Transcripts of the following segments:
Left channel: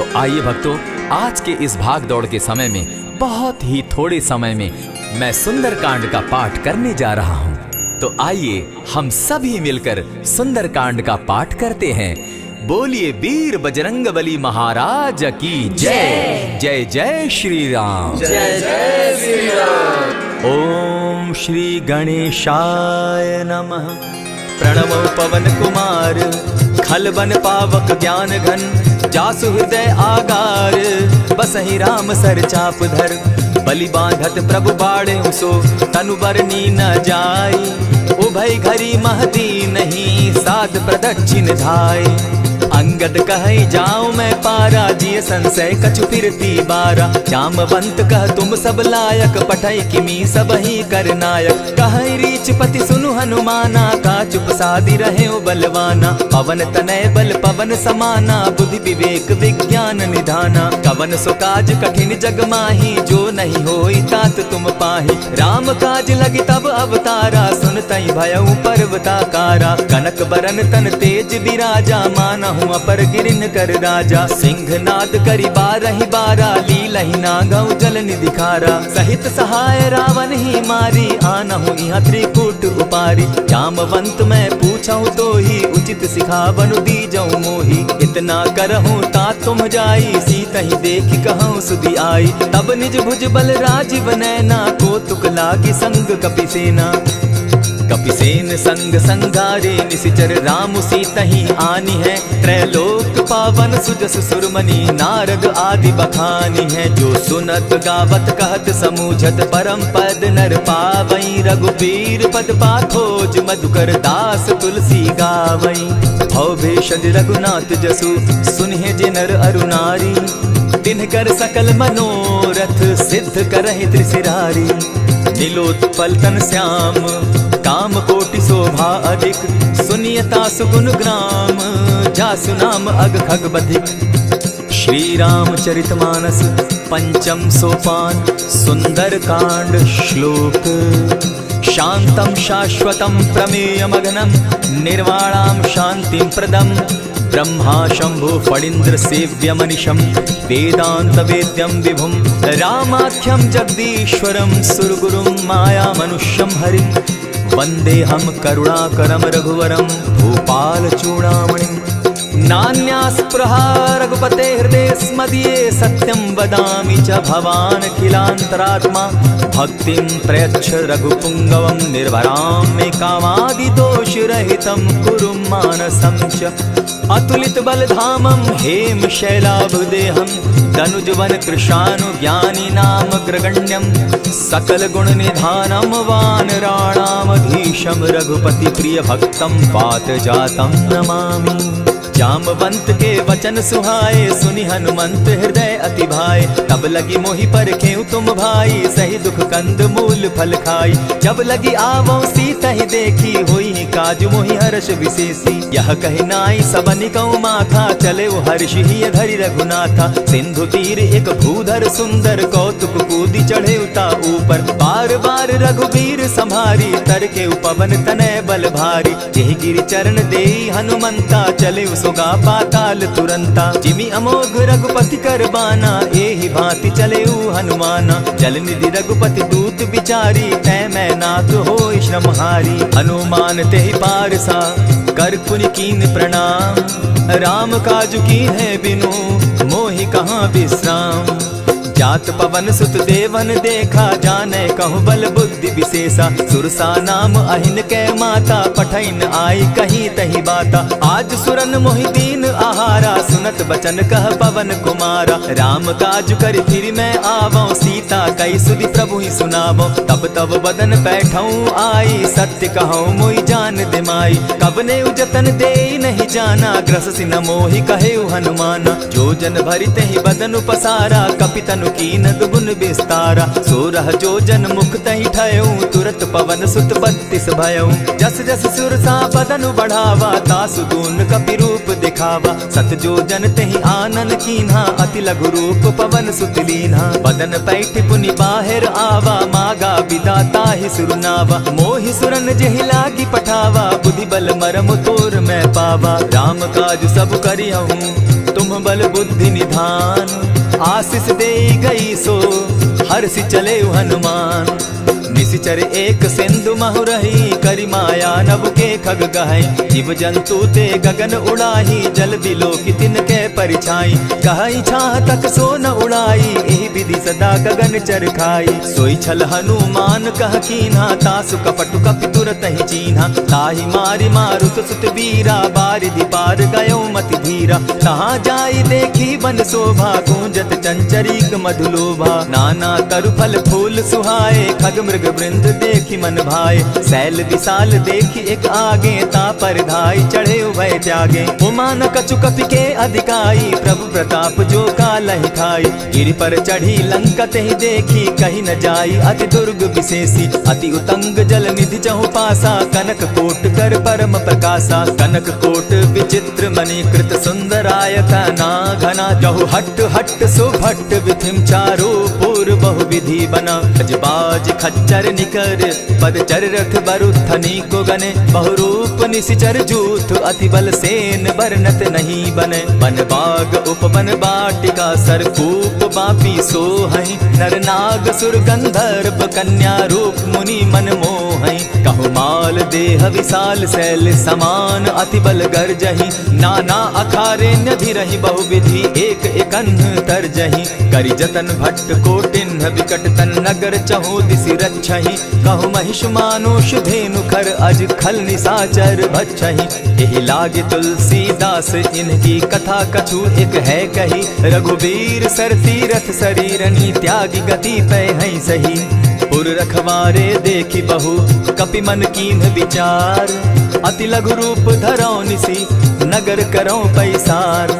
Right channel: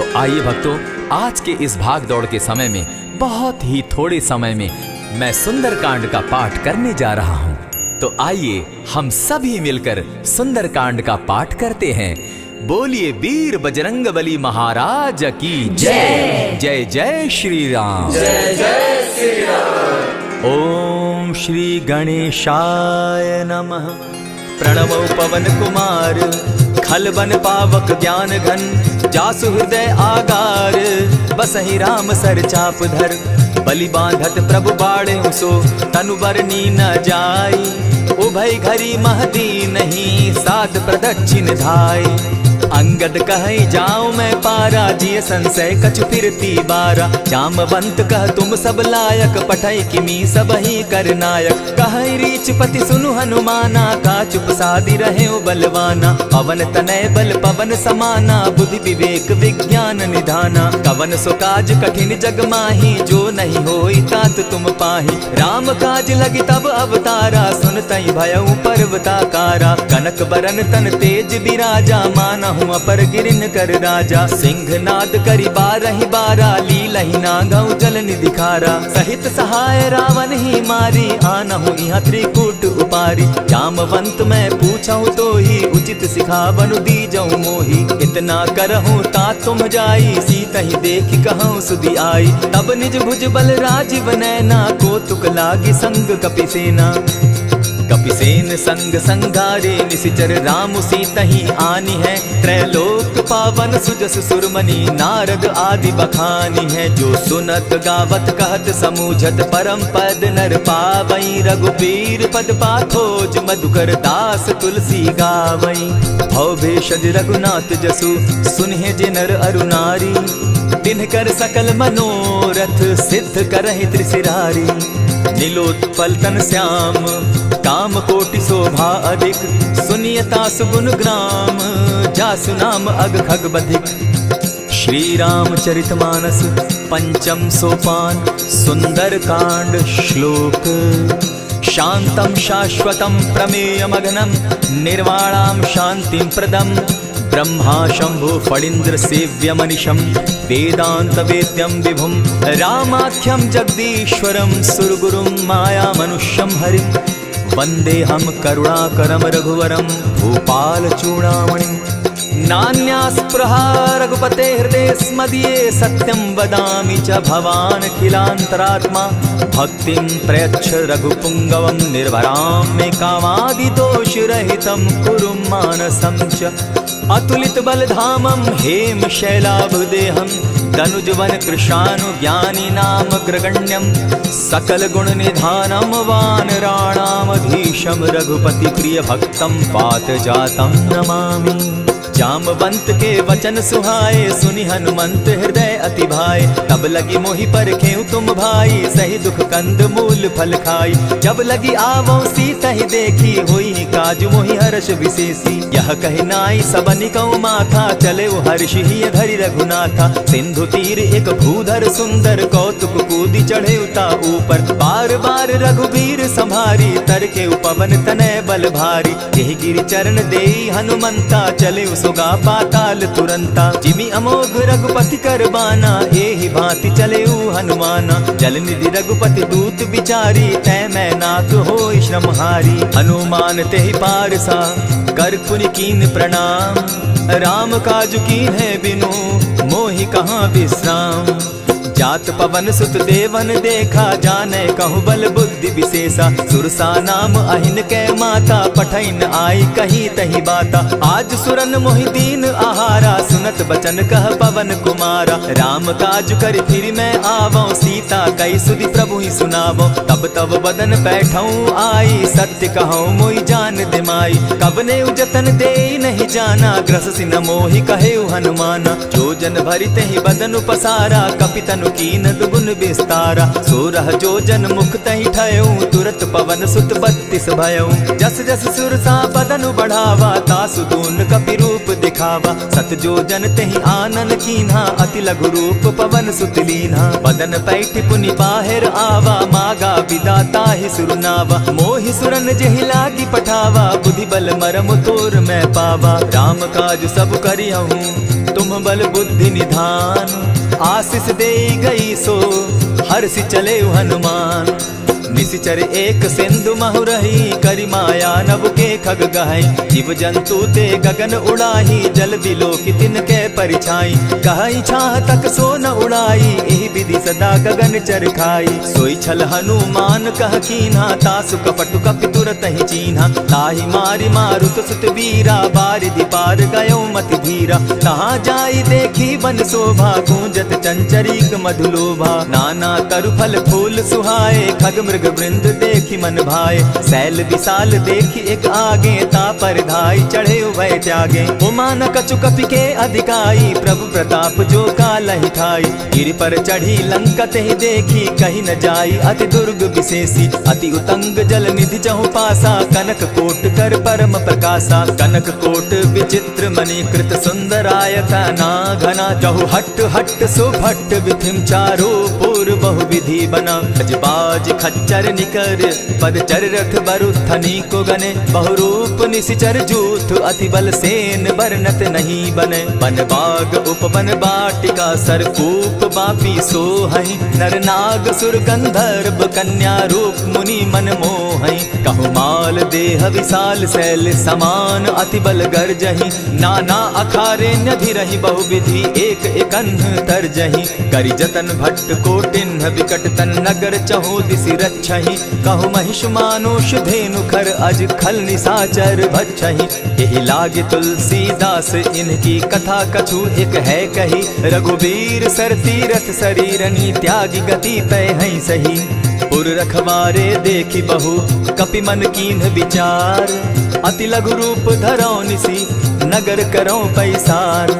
तो आइए भक्तों, आज के इस भाग दौड़ के समय में बहुत ही थोड़े समय में मैं सुंदरकांड का पाठ करने जा रहा हूँ। तो आइए हम सभी मिलकर सुंदरकांड का पाठ करते हैं। बोलिए वीर बजरंगबली महाराज की जय। जय जय श्री राम। जय जय श्री राम। ओम श्री गणेशाय नमः। प्रणवो पवन कुमार, खल बन पावक ज्ञान घन, जासु हृदय आगार, बसहि राम सर चाप धर, बलि बांधत प्रभु बाढ़े सो, तनु बरनी न जाई, उभय घरी महदी नहीं, साध प्रदक्षिण धाय। अंगद कहे जाऊं मैं पारा, जिय संशय कछु फिरती बारा, जामवंत कह तुम सब लायक, पठै किमी सब ही कर नायक, कहे रीच पति सुनु हनुमाना, का चुप सादी रहे बलवाना, पवन तनय बल पवन समाना, बुद्धि विवेक विज्ञान निधाना, कवन सो काज कठिन जग माही, जो नहीं होई तात तुम पाही, राम काज लगी तब अवतारा, सुनतई भयउ पर्वताकारा, कनक बरन तन तेज विराजा, मानहु अपर गिरिन कर राजा, सिंहनाद करि बारहि बारा, लीलहि नागौ जल निधि खारा, सहित सहाय रावण ही मारी, आनहु इहाँ त्रिकूट उपारी, जामवंत मैं पूछऊं तो ही, उचित सिखावनु दीजऊं मोही, इतना करहूं ता तुम जाई, सीतहि देखि कहूं सुधि आई, तब निज भुज बल राजीव नैना, कौतुक लागी संग कपिसेना, कपिसेन संग संगारे, निशिचर राम सीतहि आनी है, त्रैलोक पावन सुजस सुरमणि, नारद आदि बखानी है, जो सुनत गावत कहत समूझत, परम पद नर पावई, रघुबीर पद पाथोज, मधुकर दास तुलसी गावई, भव भेषज रघुनाथ जसु, सुनहि जे नर अरु नारी, तिनकर सकल मनोरथ, सिद्ध करहि त्रिशिरारी, नीलोत्पल तन श्याम, काम कोटि शोभा अधिक, सुनियता सुगुण ग्राम, जासु नाम अग खग बधिक। श्री रामचरितमानस पंचम सोपान, सुंदर कांड श्लोक। शांतम शाश्वतम प्रमेयमघनम, निर्वाणाम शांतिम प्रदम, ब्रह्मा शंभु फणीन्द्र सेव्य मनिशम, वेदांत वेद्यम विभुम, रामाख्यम जगदीश्वरम, सुरगुरुम माया मनुष्यम हरिम, वंदे हम करुणाकरम रघुवरम, भूपाल चूड़ामणिम, नान्यास्पृहा रघुपते हृदय स्मदीये, सत्यं वदामि च भवान् खिलान्तरात्मा, भक्तिं प्रयच्छ रघुपुंगवं, निर्भरां मे कामादिदोषरहितं, कुरु मानसं च अतुलित बलधामं, हेम शैलाभदेहं, तनुजवन कृशानु ज्ञानी नाम ग्रगण्यं, सकल गुण निधानं, वानराणामधीशं, रघुपति प्रिय भक्तं, पात जातं नमामि। जामवंत के वचन सुहाए, सुनि हनुमंत हृदय अति भाए, तब लगी मोहि परखेउ तुम भाई, सही दुख कंद मूल फल खाई, जब लगी आवो सीतहि देखी, होई काज मोहि हर्ष विशेषी, यह कहि नाई सबनि कहु माथा, चले वो हर्ष ही धरि रघुनाथा, सिंधु तीर एक भूधर सुंदर, कौतुक कूदी चढ़े उता ऊपर, बार बार रघुबीर संभारी, तर के पवन तनय बल भारी, यही गिरि चरण देई हनुमंता, चले सोगा पाताल तुरंता, जिमि अमोघ रघुपति कर बाना, एहि भांति चले हनुमाना, जल निधि रघुपति दूत बिचारी, तै मैं नाथ होई श्रमहारी, हनुमान तेहि पारसा, कर पुनि कीन प्रणाम, राम काज कीन है बिनु, मोहि कहाँ विश्राम, जात पवन सुत देवन देखा, जाने कहु बल बुद्धि विशेषा, सुरसा नाम अहिन कै माता, पठैन आई कही तही बाता, आज सुरन मोहि दीन आहारा, सुनत बचन कह पवन कुमारा, राम काज कर फिर मैं आवऊं, सीता कई सुधि प्रभु ही सुनावो, तब तब बदन बैठऊं आई, सत्य कहूं मोहि जान दिमाई, कबने उजतन दे नहीं जाना, ग्रससि न मोहि कहेउ हनुमाना, जो जन भरिते ही बदन उपसारा, कपितनु कीन दुगुन विस्तारा, सोरह जो जन मुख तहि ठयऊं, तुरत पवन सुत 32 भयऊं, जस जस सुरसा बदन बढ़ावा, तासु दून कपि रूप दिखावा, सत जो जन तेहि आनन कीन्हा, अति लघु रूप पवन सुत लीन्हा, बदन पैठ पुनि बाहिर आवा, मागा विदा ताहि सुरनावा, मोहि सुरन जेहि लागी पठावा, बुद्धि बल मरम तोर मैं पावा, राम काज सब करिहूं, तुम तुम बल बुद्धि निधान। आशीष दे गई सो हर्षि चले हनुमान। निशिचर एक सिंधु महु रही, करि माया नभ के खग गहई। जीव जंतु ते गगन उड़ाही, जल बिलो की तिनके परिछाई। कहई छाह तक सो न उड़ाई, एहि विधि सदा गगन चर खाई। सोई छल हनुमान कह कीन्हा, तासु कपटु कपि तुरत ही चीन्हा। ताहि मारि मारुत सुत वीरा, बारिधि पार गयो मति धीरा। तहाँ जाई देखी वन शोभा, गूंजत चंचरीक मधुलोभा। नाना तरु फल फूल सुहाए, खग मृग वृंद देखी मन भाए। सैल विशाल देखी एक आगे, ता पर धाई चढ़े भय त्यागे। उमान कछु कपि के अधिकाई, प्रभु प्रताप जो कालहि खाई। गिरि पर चढ़ी लंकत ही देखी, कहीं न जाई अति दुर्ग विशेषी। अति उतंग जल निधि जहु पासा, कनक कोट कर परम प्रकाशा। कनक कोट विचित्र मणि कृत सुंदरायत ना घना। जहु हट हट सुभट विधिम चारो पूर्व बहु विधि बना। खजबाज खच्चर निकर पदचर रथ बरुथनी को गने। बहुरूप निशिचर जूथ अति बल सेन बरनत नहीं बने। वन बाग उपवन बाटिका सरकूप बापी सोहई। नर नाग सुर गंधर्व कन्या रूप मुनि मन मोहई। कहु माल देह विशाल शैल समान, अति बल गर्जही। नाना अखारे नधिरहि बहुविधि, एक एकन्ह तरजही। करि जतन भट्ट कोटिन्ह विकट तन नगर, चहु दिसि रक्षहि। कहु महिष मानुष धेनु खर, अज खल निशाचर भक्षहि। एहि लागे तुलसीदास इनकी कथा, कछु एक है कही। रघुबीर सर तीरथ शरीरनी, त्यागी गति पै हई सही। पुर रखवारे देखी बहु, कपि मन कीन्ह विचार। अति लघु रूप धरौ निसी, नगर करौ पैसार।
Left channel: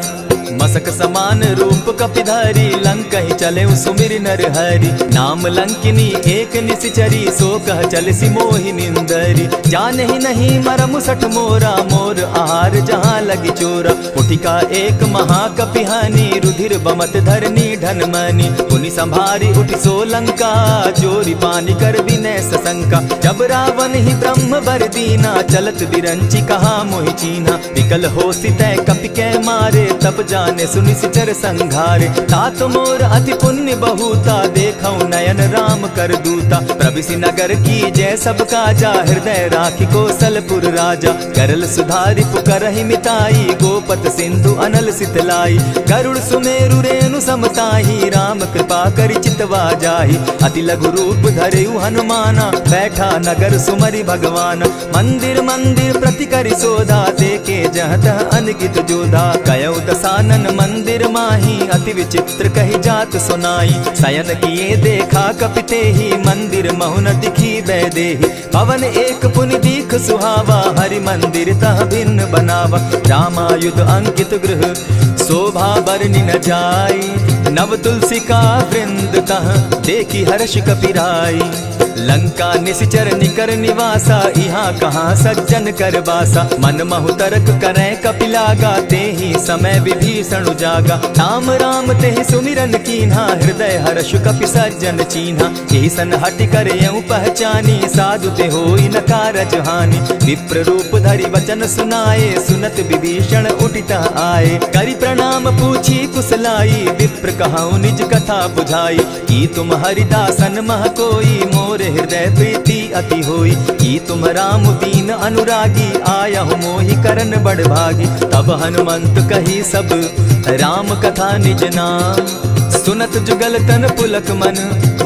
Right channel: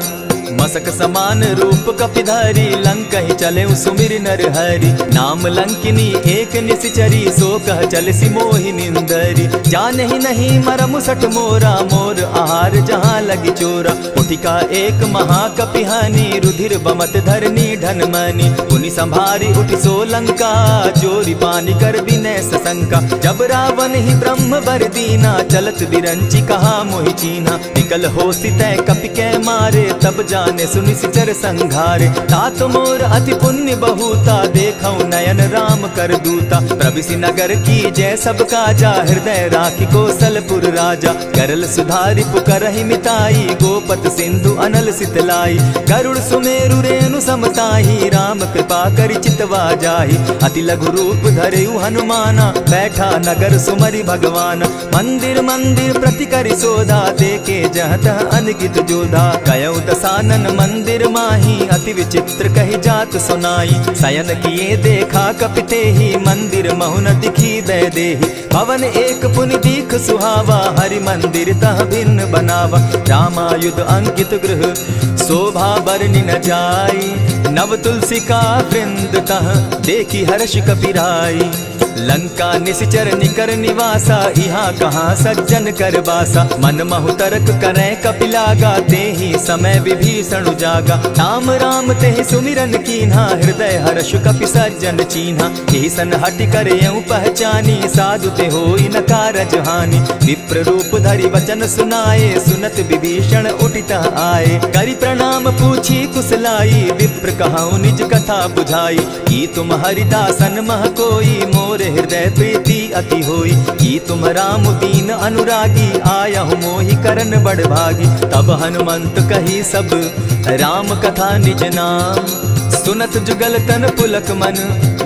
मसक समान रूप कपिधारी, लंक ही चले सुमिर नर हरि। नाम लंकिनी एक निशिचरी, सो कह चल सी मोहि निंदरी। जाने ही नहीं मरम सठ मोरा, मोर आहार जहाँ लगी चोरा। उठिका एक महाकपिहानी, रुधिर बमत धरनी ढन मनी। पुनि संभारी उठि सो लंका, चोरी पानी कर विनय सशंका। जब रावण ही ब्रह्म बर दीना, चलत बिरंची कहा मोहि चीन्हा। निकल हो सितै कपि के मारे, तब जाने सुनि सिचर संघारे। तात मोर अति पुण्य बहुता, देखौ नयन राम कर दूता। प्रविशि नगर की जय सब काजा, हृदय राखी कौशलपुर राजा। करल सुधारि पुकरहि मिताई, गोपत सिंधु अनल सितलाई। गरुड़ सुमेरु रेणु समताही, राम कृपा करि चितवा जाहि। अति लघु रूप धरेउ हनुमाना, बैठा नगर सुमरि भगवान। मंदिर मंदिर प्रति करि सोधा, देखे जह तह अनगित जोधा। कयौ दसानन मंदिर माही, अति विचित्र कही जात सुनाई। शयन किए देखा कपिते ही, मंदिर महु न दिखी वैदेही। भवन एक पुनि दीख सुहावा, हरि मंदिर तह भिन्न बनावा। रामायुध अंकित गृह शोभा बरनि न जाई। नव तुलसी का वृंद तह देखी हर्ष कपिराई। लंका निशिचर निकर निवासा, यहाँ कहाँ सज्जन कर बासा। मन महु तरक करै कपिलागा, तेहि समय विभीषण उजागा। राम राम तेहि सुमिरन कीन्हा, हृदय हर्ष कपि सज्जन चीन्हा। एहि सन हटि करयउ पहचानी, साधु ते होई न कारज हानि। विप्र रूप धरि वचन सुनाए, सुनत विभीषण उठित आए। करि प्रणाम पूछी कुशलाई, विप्र कहौ निज कथा बुझाई। की तुम हरिदासन मह कोई, मोर हृदय प्रीति अति होई। की तुम राम दीन अनुरागी, आयहु मोहि करन बड़ भागी। तब हनुमंत कही सब राम कथा निज नाम। सुनत जुगल तन पुलक मन,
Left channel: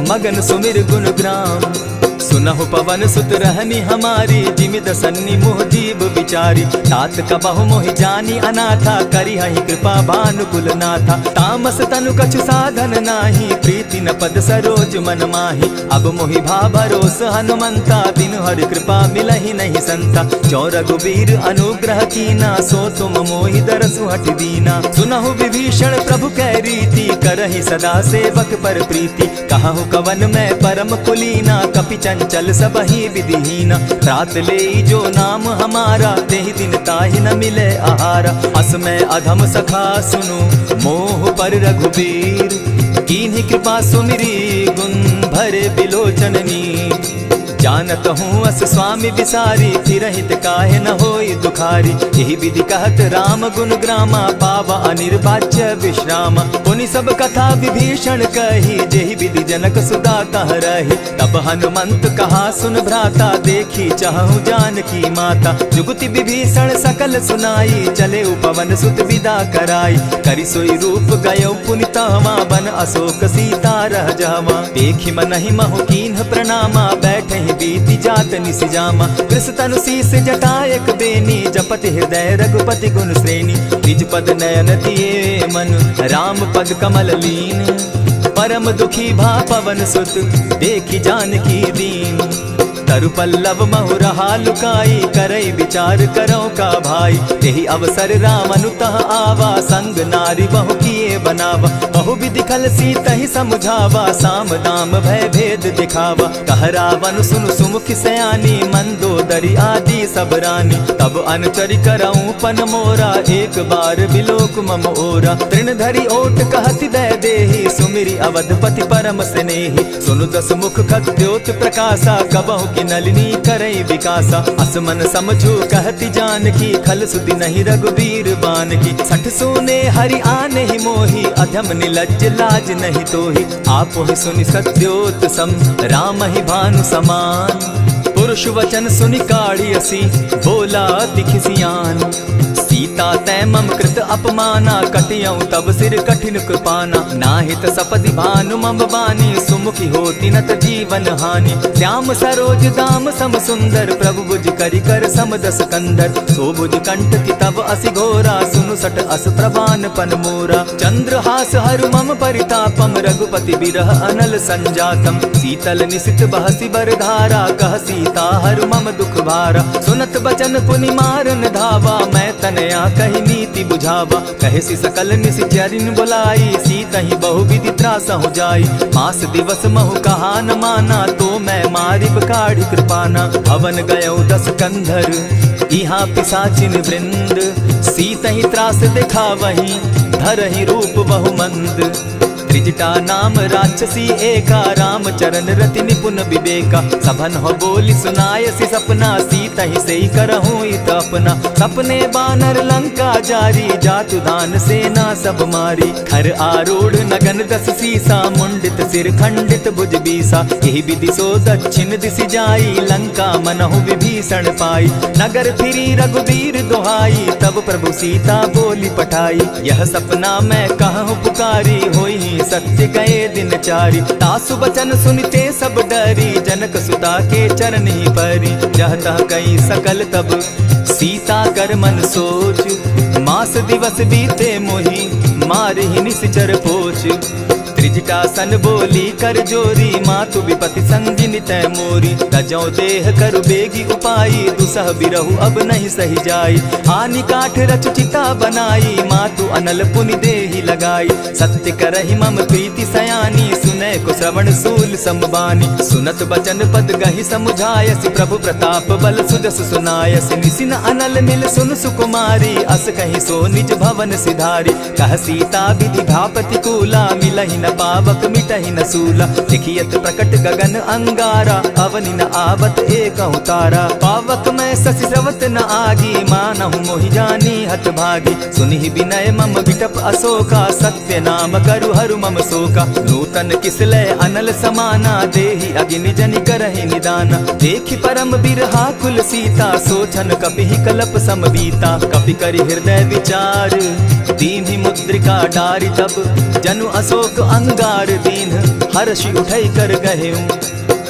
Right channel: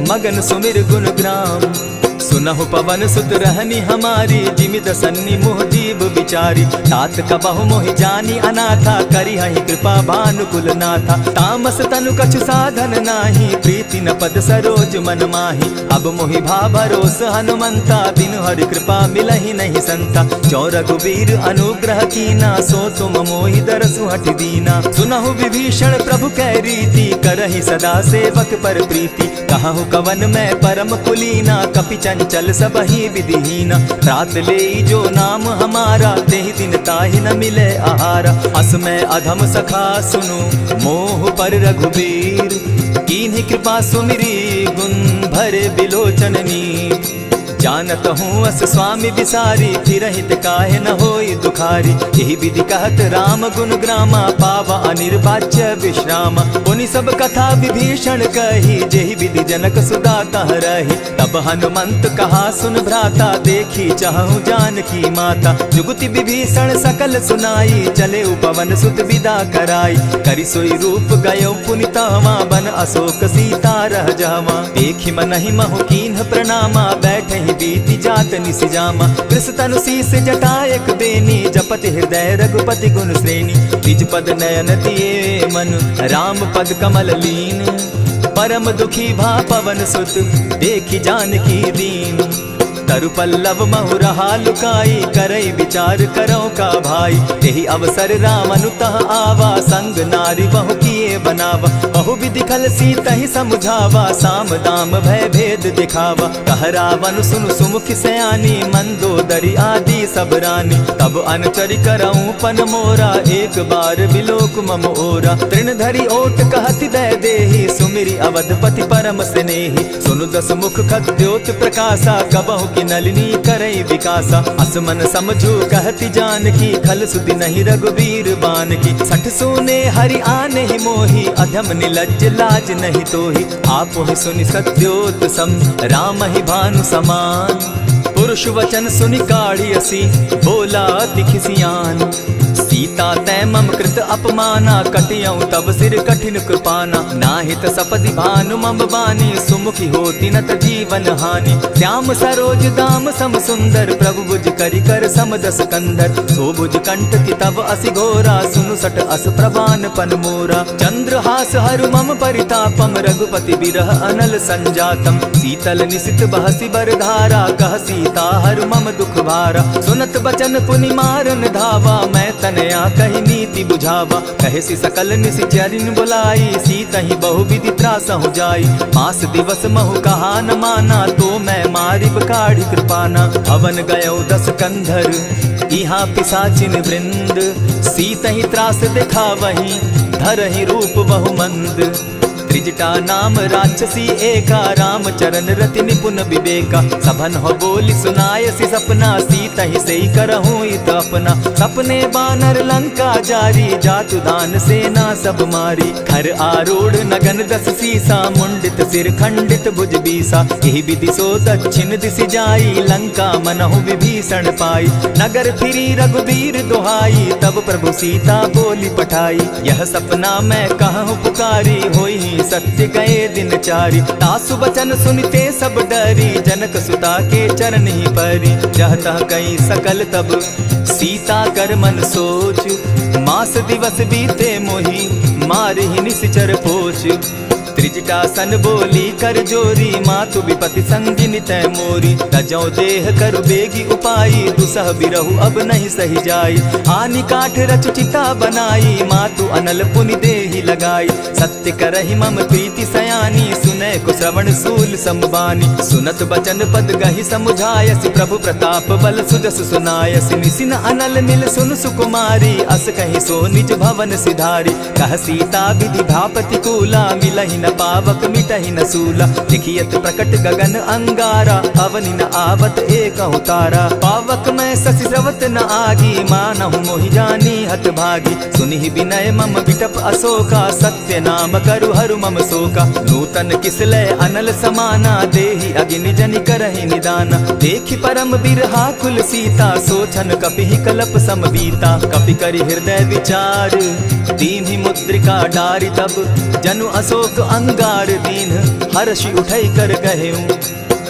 मगन सुमिर गुण ग्राम। सुनहु पवन सुत रहनी हमारी, जिमित सन्नि मुह जीव विचारी। तात कबहु मोहि जानी अनाथा, करी हहि कृपा भानुकुल नाथा। तामस तनु कछु साधन नाही, प्रीति न पद सरोज मन माही। अब मोहि भा भरोस हनुमंता, बिनु हरि कृपा मिलहि नहीं संता। जो रघुबीर अनुग्रह कीना, सो तुम मोहि दरसु हठि दीना। सुनहु विभीषण प्रभु कै रीति, करहि सदा सेवक पर प्रीति। कहु कवन मैं परम कुलीना, कपि चंचल सबहि विधिहीना। रात ले जो नाम हमारा, तेहि दिन ताहि न मिले आहारा। अस मैं अधम सखा सुनु, मोह पर रघुबीर। कीन्हि कृपा सुमिरी, गुण भरे बिलोचन नीर। जानत हूँ अस स्वामी विसारी, फिर हित काहे न होई दुखारी। यही विधि कहत राम गुण ग्रामा, पावा अनिर्वाच्य विश्रामा। पुनि सब कथा विभीषण कही, जेहि विधि जनक सुदा कह रही। तब हनुमंत कहा सुन भ्राता, देखी चाहूं जानकी माता। जुगति विभीषण सकल सुनाई, चले पवन सुत विदा कराई। करि सोई रूप गयो पुनि तहवा, बन अशोक सीता रह जावा। देखी मनहि महु कीन्ह प्रणामा, बैठे ही बीती जात निसि जामा। कृष तनु शीस जटा एक बेनी, जपति हृदय रघुपति गुण श्रेणी। निज पद नयन दिए मन, राम पद कमल लीन। परम दुखी भा पवन सुत, देखी जानकी दीन। तरु पल्लव महु रहा लुकाई, करई विचार करो का भाई। यही अवसर राम अनुतः आवा, संग नारी बहु किए बनावा। बहु विधि खल सीत ही समझावा, साम दाम भय भेद दिखावा। कह रावण सुन सुमुख सयानी, मंदोदरी आदि सब रानी। तब अनुचरि करऊं पन मोरा, एक बार बिलोक मम ओरा। तृण धरि ओट कहति दय देहि, सुमिरि अवधपति परम स्नेही। सुनु दस मुख खद्योत प्रकाशा, कबहु की नलिनी करई विकासा। असमन समझो कहती जानकी, खल सुधि नहीं रघुबीर बान की। सठ सोने हरि आने ही मोही, अधम निलज्ज लाज नहीं तोही। आप ही सुनि सत्योत सम, राम ही भानु समान। पुरुष वचन सुनि काढ़ियसी, बोला अति खिसियान। सीता तै मम कृत अपमाना, कटियऊं तब सिर कठिन कृपाना। नाहित सपदि भानु मम बानी, सुमुखी होती नत जीवन हानि। श्याम सरोज दाम सम सुंदर, प्रभु भुज करि कर सम दस कंधर। सो भुज कंठ की तब असि घोरा, सुनु सट अस प्रवान पन मोरा। चंद्रहास हरु मम परितापम, रघुपति बिरह अनल संजातम। शीतल निशित बहसी बर धारा, कह सीता हरु मम दुख भारा। सुनत बचन पुनि मारन धावा, मैं तनया कही नीति बुझावा। कहे सी सकल निश्चरिन बुलाई, सीता ही बहु विधि त्रास हो जाई। मास दिवस महु कहा न माना, तो मैं मारिब काढ़ी कृपाना। भवन गयो दस कंधर, इहाँ पिशाचिन वृंद। सीता ही त्रास देखा वही, धर ही रूप बहु मंद। त्रिजटा नाम राक्षसी एका, राम चरण रति निपुण विवेका। सभन हो बोली सुनायसी सपना, सीता ही सही करहूँ इत अपना। सपने बानर लंका जारी, जातु दान सेना सब मारी। खर आरूढ़ नगन दस सीसा, मुंडित सिर खंडित भुज बीसा। यही विधि सो दक्षिण दिशि जाई, लंका मनहु विभीषण पाई। नगर फिरी रघुबीर दुहाई, तब प्रभु सीता बोली पठाई। यह सपना मैं कहूँ पुकारी, होई सत्य गए दिन चारी। तासु बचन सुनते सब डरी, जनक सुता के चरण ही परी। जहता कई सकल तब सीता कर मन सोच, मास दिवस बीते मोही, मार ही निश्चर पोच। त्रिजटा सन बोली कर जोरी, मातु विपति संगिनी तै मोरी। तजौ देह करु बेगी उपाई, दुसह बिरहु अब नहीं सही जाई। हानि काठ रच चिता बनाई, मातु अनल पुनि देहि लगाई। सत्य करहि मम प्रीति सयानी, सुनै को श्रवण सूल समबानी। सुनत बचन पद गहि समुझायसि, प्रभु प्रताप बल सुजस सुनायसि। निसिन अनल मिल सुन सुकुमारी, अस कहि सो निज भवन सिधारी। कह सीता विधि भा प्रतिकूला, मिलहि न पावक मिटहि न सूला। देखियत प्रकट गगन अंगारा, अवनि न आवत एकहु तारा। पावक मैं शशि स्रवत न आगी, मानहु मोहि जानी हत भागी। सुनिहि विनय मम बिटप अशोका, सत्य नाम करु हरु मम शोका। नूतन किसलय अनल समाना, देहि अगिनि जनि करहि निदाना। देखि परम बिरहा कुल सीता, सोचन कपिहि कलप सम बीता। कपि करि हृदय विचार, दीन्हि मुद्रिका डारि। तब जनु अशोक अंगार दीन, हर्षि उठई कर गहेऊं।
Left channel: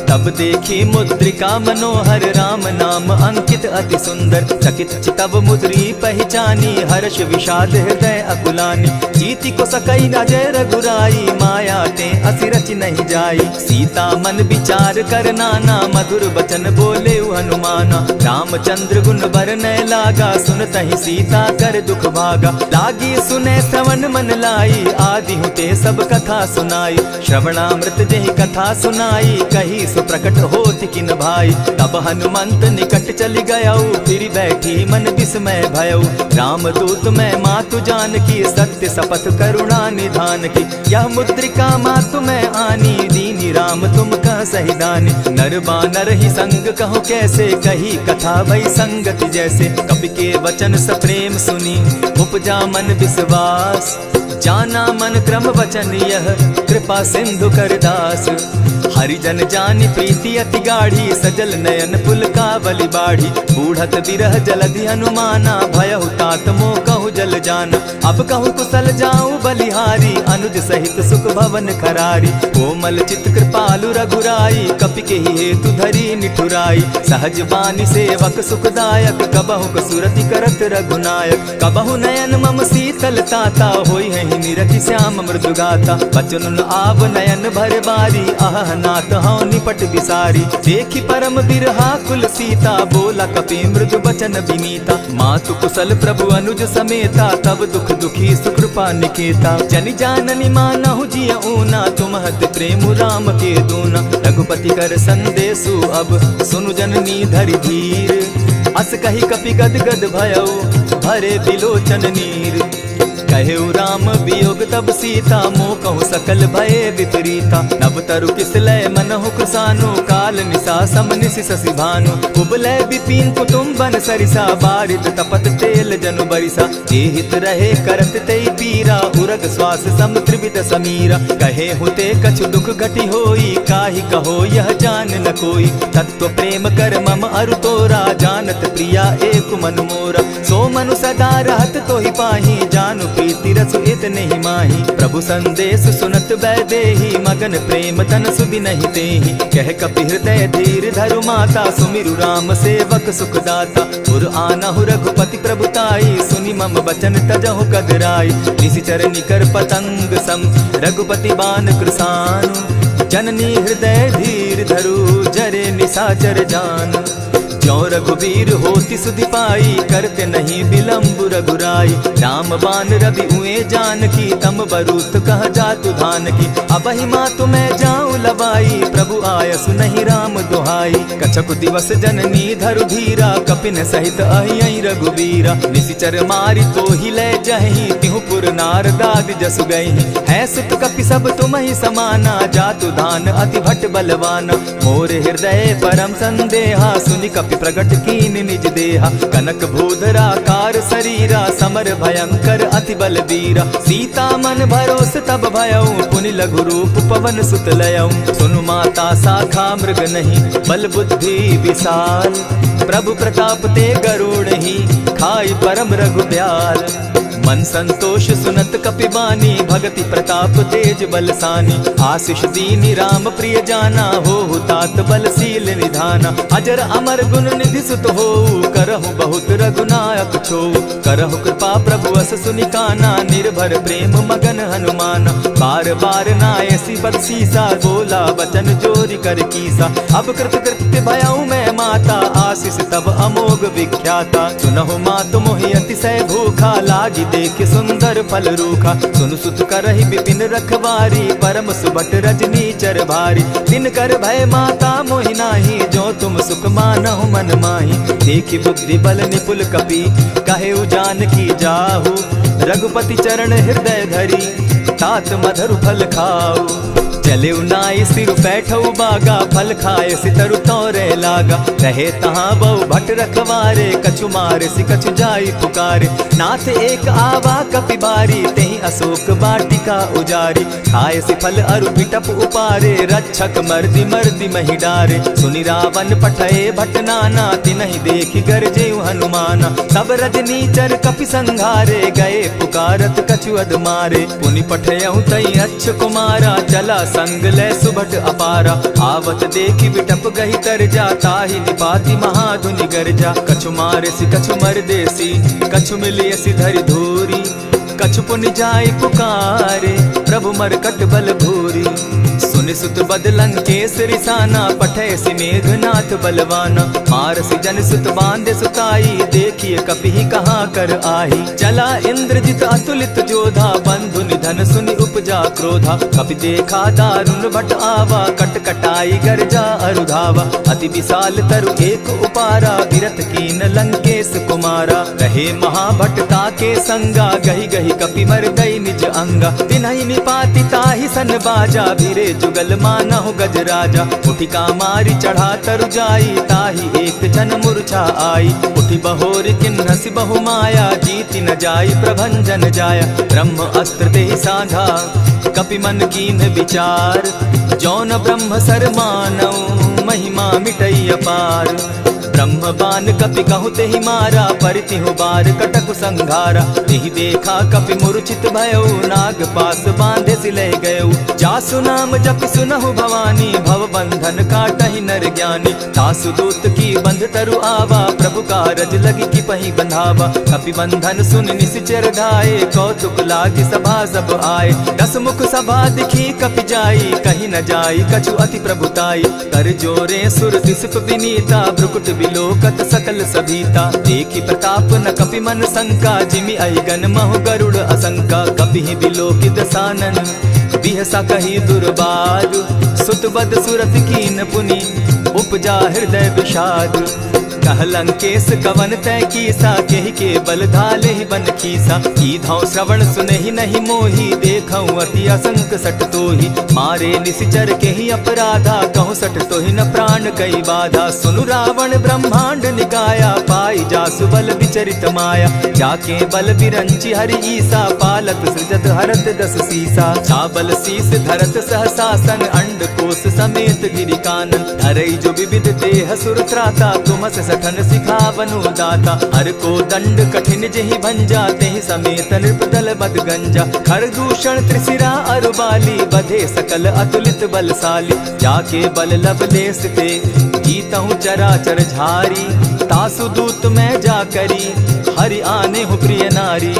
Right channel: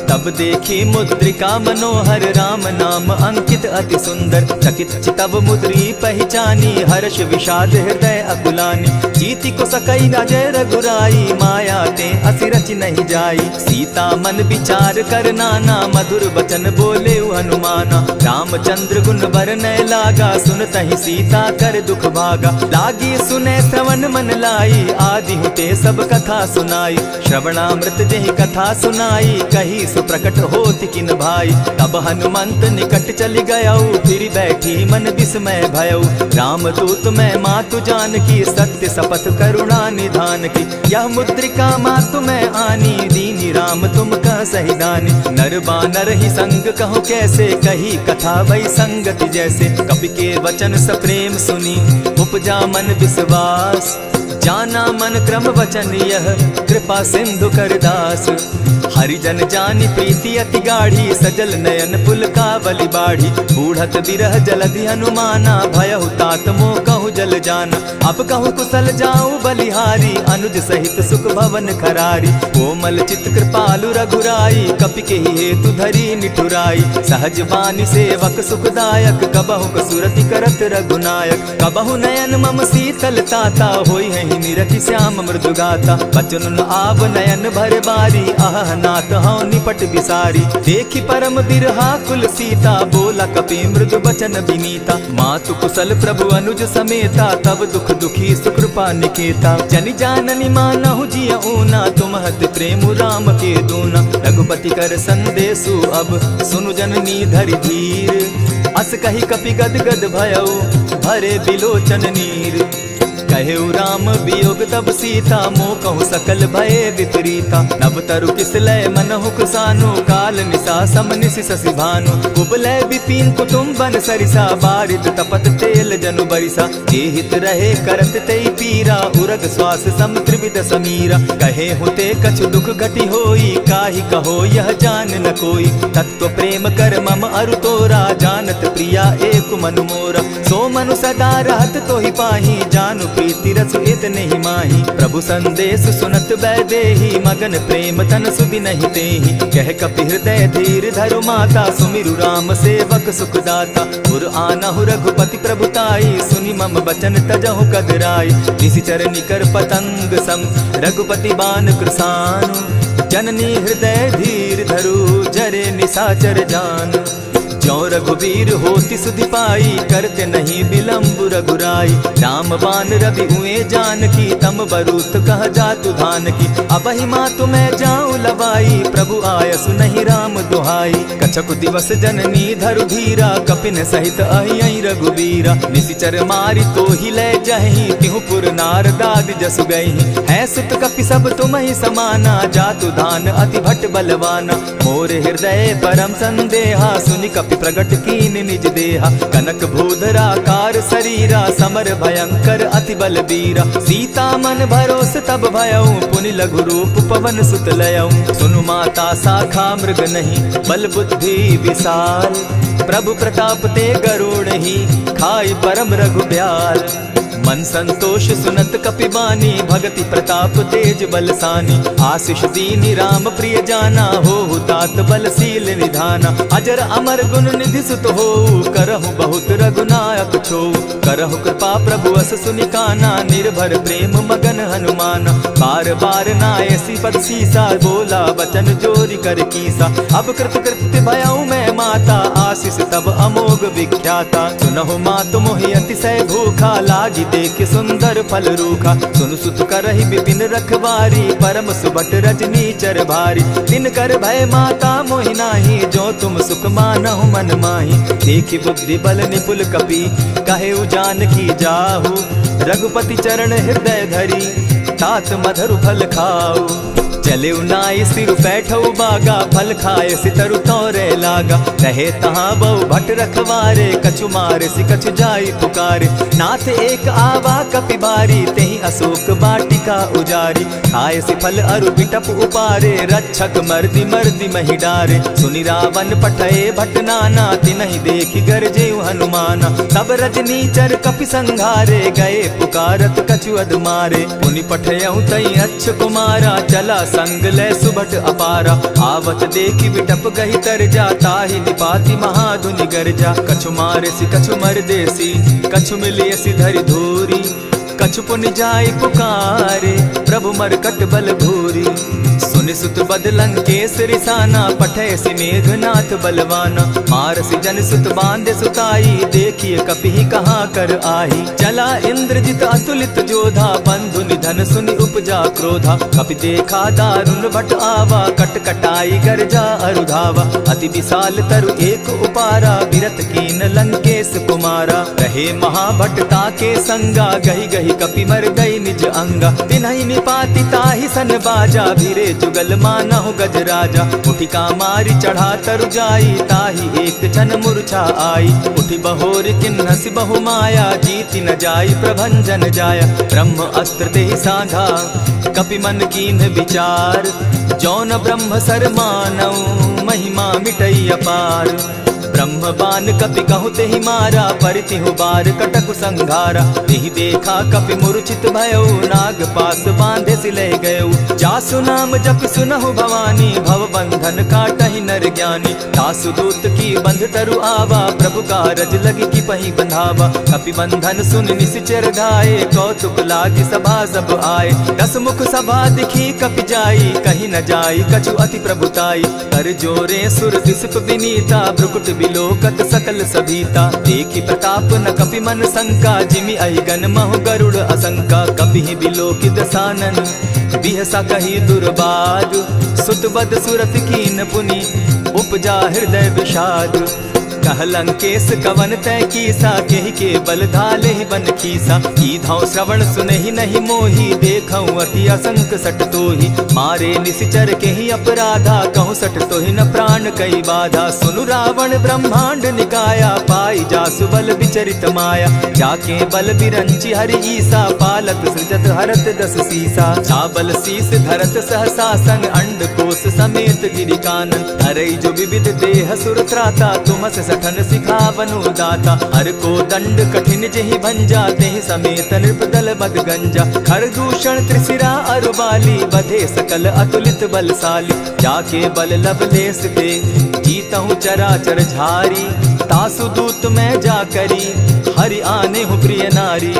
तब देखी मुद्रिका मनोहर, राम नाम अंकित अति सुंदर। चकित चितव मुद्री पहचानी, हर्ष विषाद हृदय अकुलानी। जीति को सकई अजय रघुराई, माया ते असि रचि नहीं जाई। सीता मन विचार कर नाना, मधुर बचन बोले हनुमाना। रामचंद्र गुण बरनय लागा, सुनतहि सीता कर दुख भागा। लागी सुने श्रवण मन लाई, आदि हुते सब कथा सुनाई। श्रवणामृत जेहि कथा सुनाई, कही प्रकट होति किन भाई। तब हनुमंत निकट चली गयऊ, फिर बैठी मन विस्मय भयऊ। रामदूत मैं मातु जानकी, सत्य शपथ करुणा निधान की। यह मुद्रिका मातु मैं आनी, दीनी राम तुम कह सही दानी। नर बानर ही संग कहो कैसे, कही कथा भई संगति जैसे। कपि के वचन सप्रेम सुनी, उपजा मन विश्वास। जाना मन क्रम वचन यह, कृपा सिंधु कर दास। हरिजन जानी प्रीति अति गाढ़ी, सजल नयन पुलकावली बाढ़ी। बूढ़त बिरह जलधि हनुमाना, भयहु तात मोह कहु जल जाना। अब कहु कुशल जाऊं बलिहारी, अनुज सहित सुख भवन खरारी। कोमल चित कृपालु रघुराई, कपि के ही हेतु धरी निठुराई। सहज बानी सेवक सुखदायक, कबहु कसुरति करत रघुनायक। कबहु नयन मम शीतल ताता, होई है निरखि श्याम मृदु गाता। बचन आब नयन भर बारी, आह नाथ हौ निपट बिसारी। देखी परम बिरहा कुल सीता, बोला कपि मृदु बचन विनीता। मातु कुशल प्रभु अनुज समेता, तब दुख दुखी सुकृपा निकेता। जनि जाननी मानहु जिय ऊना, तुम हत प्रेम राम के दूना। रघुपति कर संदेशु अब, सुनु जननी धरि धीर। अस कही कपि गद गद भयऊ, भरे बिलोचन नीर। कहेउ राम वियोग तब सीता, मोह कहु सकल भय विपरीता। नव तरु किसलय मनहु कृसानु, काल निशा सम निशि शशि भानु। उबलय विपिन कुटुम्बन सरिसा, बारिद तपत तेल जनु बरिसा। जे हित रहे करत तेई पीरा, उरग श्वास सम त्रिविध समीरा। कहे हुते कछु दुख घटी होई, काहि कहो यह जान न कोई। तत्व प्रेम कर मम अरु तोरा, जानत प्रिया एक मनु मोरा। सो मनु सदा रहत तोहि पाही, जानु प्रीति रसु इतने ही माही। प्रभु संदेश सुनत वैदेही, मगन प्रेम तन सुधि नहीं तेहि। कह कपि हृदय धीर धरु माता, सुमिरु राम सेवक सुखदाता। उर आनहु रघुपति प्रभुताई, सुनि मम बचन तजहु कदराई। निशिचर निकर पतंग सम, रघुपति बान कृसानु। जननी हृदय धीर धरु, जरे निशाचर जान। ज्यों रघुवीर होति सुधि पाई, करते नहीं विलम्ब रघुराई। राम बान रवि उए जानकी, तम बरूत कह जातु धान की। अबहि मातु मैं जाऊं लवाई, प्रभु आयसु नहीं राम दुहाई। कछक दिवस जननी धरु धीरा, कपिन सहित अहियहि रघुवीरा। निशिचर मारि तो ही ले जहि, तिहु पुर नार दाद जसु गई। है सुत कपि सब तुम ही समाना, जातु धान अति भट बलवाना। मोर हृदय परम संदेहा, सुनि कपि प्रगट कीन निज देहा। कनक भूधराकार शरीरा, समर भयंकर अति बलबीरा। सीता मन भरोस तब भयऊ, पुनि लघु रूप पवन सुत लयऊ। सुनु माता शाखा मृग नहीं, बल बुद्धि विशाल। प्रभु प्रताप ते गरुड़ ही, खाई परम रघुब्याल। मन संतोष सुनत कपि बानी, भगति प्रताप तेज बलसानी। आशीष दीनी राम प्रिय जाना, हो तात बलशील निधाना। अजर अमर गुण निधि सुत हो, करहु बहुत रघुनायक छो। करहु कृपा प्रभु अस सुनि काना, निर्भर प्रेम मगन हनुमाना। बार बार नायसी पद सीसा, बोला बचन जोरी कर कीसा। अब कृत कृत्य भयऊ मैं माता, आशीष तब अमोघ विख्याता। सुनहु मातु मोहि अतिशय भूखा, लागी देख सुंदर फल रूखा। सुनु सुत करहि विपिन रखवारी, परम सुबट रजनी चर भारी। दिन कर भय माता मोहि नाही, जो तुम सुख मानहु मन माही। देखि बुद्धि बल निपुल कपि, कहेउ जानकी जाहु। रघुपति चरण हृदय धरी, तात मधुर फल खाऊ। चलेउ नाई सिर बैठऊ बागा, फल खाए सितरु तोरे लागा। रहे तहाँ बहु भट रखवारे, कछु मारे सि कछु जाई पुकारे। नाथ एक आवा कपि बारी, तेहि अशोक बाटिका उजारी। खाए सि फल अरु बिटप उपारे, रक्षक मर्दि मर्दि महि डारे। सुनि रावण पठए भट नाना, तिनहि देखि गरजेउ हनुमाना। सब रजनीचर कपि संघारे, गए पुकारत कछु अधमारे। पुनि पठयउ तई अच्छ कुमारा, चला संग ले सुभट अपारा। आवत देखि बिटप गहि तर जा, ताहि निपाति महाधुनि गर्जा। कछु मारे सि कछु मर देसी, कछु मिलिय सि धरि धूरी। कछु पुनि जाय पुकारे, प्रभु मरकट बल भूरी। सुनि मुनि सुत बद लंकेश रिसाना, पठय सि मेघनाथ बलवाना। मारसि जन सुत बांधे सुताई, देखिए कपि कहाँ कर आही। चला इंद्रजित अतुलित जोधा, बंधु निधन सुनि उपजा क्रोधा। कपि देखा दारुण भट आवा, कट कटाई गर्जा अरुधावा। अति विशाल तरु एक उपारा, विरत कीन लंकेश कुमारा। रहे महाभट ताके संगा, गही गही कपि मर्दई निज अंगा। तिन्हि निपाति ताहि सन बाजा, भिरे जुगल मानहु गज राजा। उठि कामारि चढ़ा तरु जाई, ताहि एक जन मूर्छा आई। उठि बहोर किन्हसि बहु माया, जीति न जाई प्रभंजन जाया। ब्रह्म अस्त्र तेहि साधा, कपि मन कीन विचार। जौन ब्रह्म सर मानौ, महिमा मिटई अपार। ब्रह्म बान कपि कहु तेहि मारा, परितिहु बार कटकु संघारा। तेहि देखा कपि मूर्छित भयउ, नाग पास बांधे सिलह गयउ। जासु नाम जपि सुनहु भवानी, भव बंधन काटहि नर ज्ञानी। तासु दूत की बंध तरु आवा, प्रभु कारज लगी कि पहि बंधावा। कपि बंधन सुन निसिचर धाये, कौतुक लागी सभा सब आए। दस मुख सभा दिखी कपि जाई, कहीं न जाई कछु अति प्रभुताई। कर जोरे सुर दिसप विनीता, भ्रुकुट बिलोकत सकल सभीता। देखी प्रताप न कपि मन शंका, जिमि अहिगन महु गरुड़ असंका। कपि बिलोकि दसानन, बिहसा कही दुर्बाद। सुत बद सुरत कीन पुनि, उपजा हृदय विषाद। कह लंकेश कवन तय कीसा, केहि के बल धाले ही बन खीसा। कीधौ श्रवण सुनहि नहीं मोही, देखऊं अति असंक सट तोही। मारे निसिचर केहि अपराधा, कहूँ सट तोहि न प्राण कई बाधा। सुनु रावण ब्रह्मांड निकाया, पाई जासु बल विचरित माया। जाके बल बिरंचि हरि ईसा, पालत सृजत हरत दस सीसा। चाबल शीस धरत सहसासन, अंड कोश समेत गिरि कानन। धरई जो विविध देह सुर त्राता, तुमस सठन सिखावनु दाता। हर को दंड कठिन जेहि भंजा, तेहि समेत नृप दल बद गंजा। खरदूषण त्रिशिरा अरुबाली, बधे सकल अतुलित बलशाली। जाके बल लवलेस ते, जीतहु चराचर झारी। तासु दूत मैं जा करी, हरि आने हूँ प्रिय नारी।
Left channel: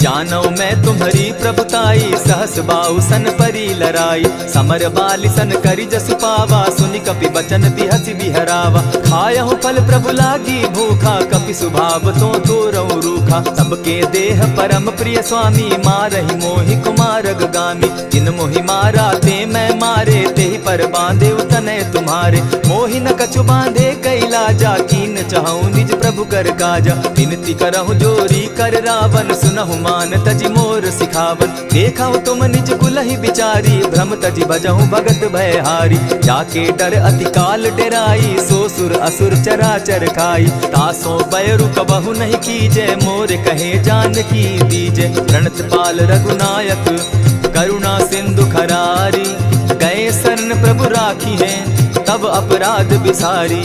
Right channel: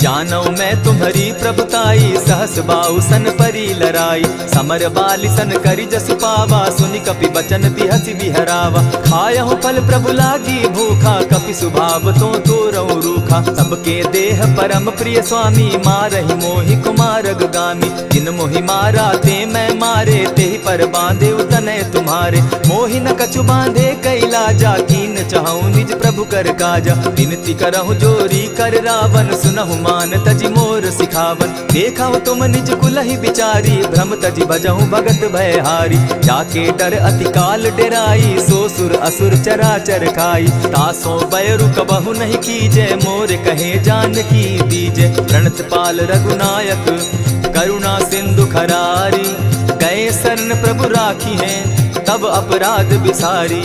जानौ मैं तुम्हारी प्रभुताई, सहस बाहु सन परी लराई। समर बाली सन करि जसु पावा, सुनि कपि बचन बिहसि बिहरावा। खायहु फल प्रभु लागी भूखा, कपि सुभाव तो तोरऊ रूखा। सबके देह परम प्रिय स्वामी, मारहि मोहि कुमारग गामी। जिन मोहि मारा ते मैं मारे, तेहि पर बांधे उतनय तुम्हारे। मोहि न कछु बांधे कैलाजा, कीन चहु निज प्रभु कर काजा। विनती करहु जोरी कर रावण, सुनहु मान तजि मोर सिखावन। देखा तुम निज कुलहि बिचारी, भ्रम तजि भजहु भगत भयहारी। जाके डर अति काल डेराई, सो सुर असुर चराचर खाई। तासो बैरु कबहु नहीं कीजे, मोर कहे जानकी दीजे। प्रणत पाल रघुनायक, करुणा सिंधु खरारी। गए शरण प्रभु राखी हैं, तब अपराध बिसारी।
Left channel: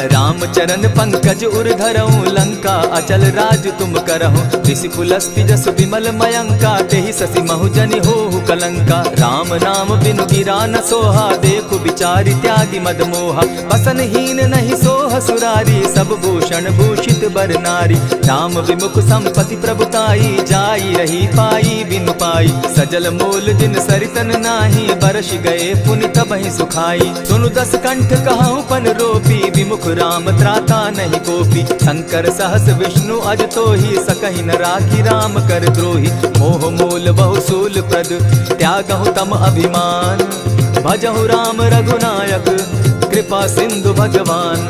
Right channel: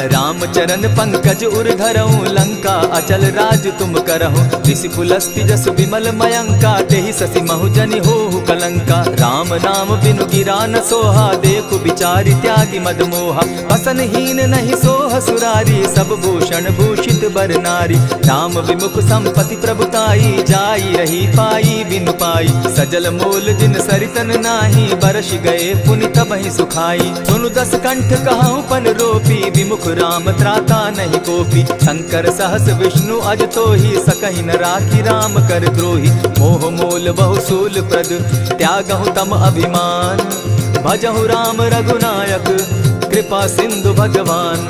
रामचरण पंकज उर धरऊं, लंका अचल राज तुम करहूं। ऋषि पुलस्ति जस विमल मयंका, तेहि ससि महु जनि होहु कलंका। राम नाम बिनु गिरा न सोहा, देखु बिचारी त्यागी मद मोहा। बसन हीन नहीं सोह सुरारी, सब भूषण भूषित बर नारी। राम विमुख संपति प्रभुताई, जाई रही पाई बिनु पाई। सजल मोल जिन सरितन नाही, बरस गए पुनि तबहि सुखाई। सुनु दस कंठ कहूँ पन रोपी, विमुख राम त्राता नहीं कोपी। शंकर सहस विष्णु अज तोहि, सकहि न राखी राम कर द्रोही। मोह मोल बहु सूल प्रद, त्यागहु तम अभिमान। भजहु राम रघुनायक, कृपा सिंधु भगवान।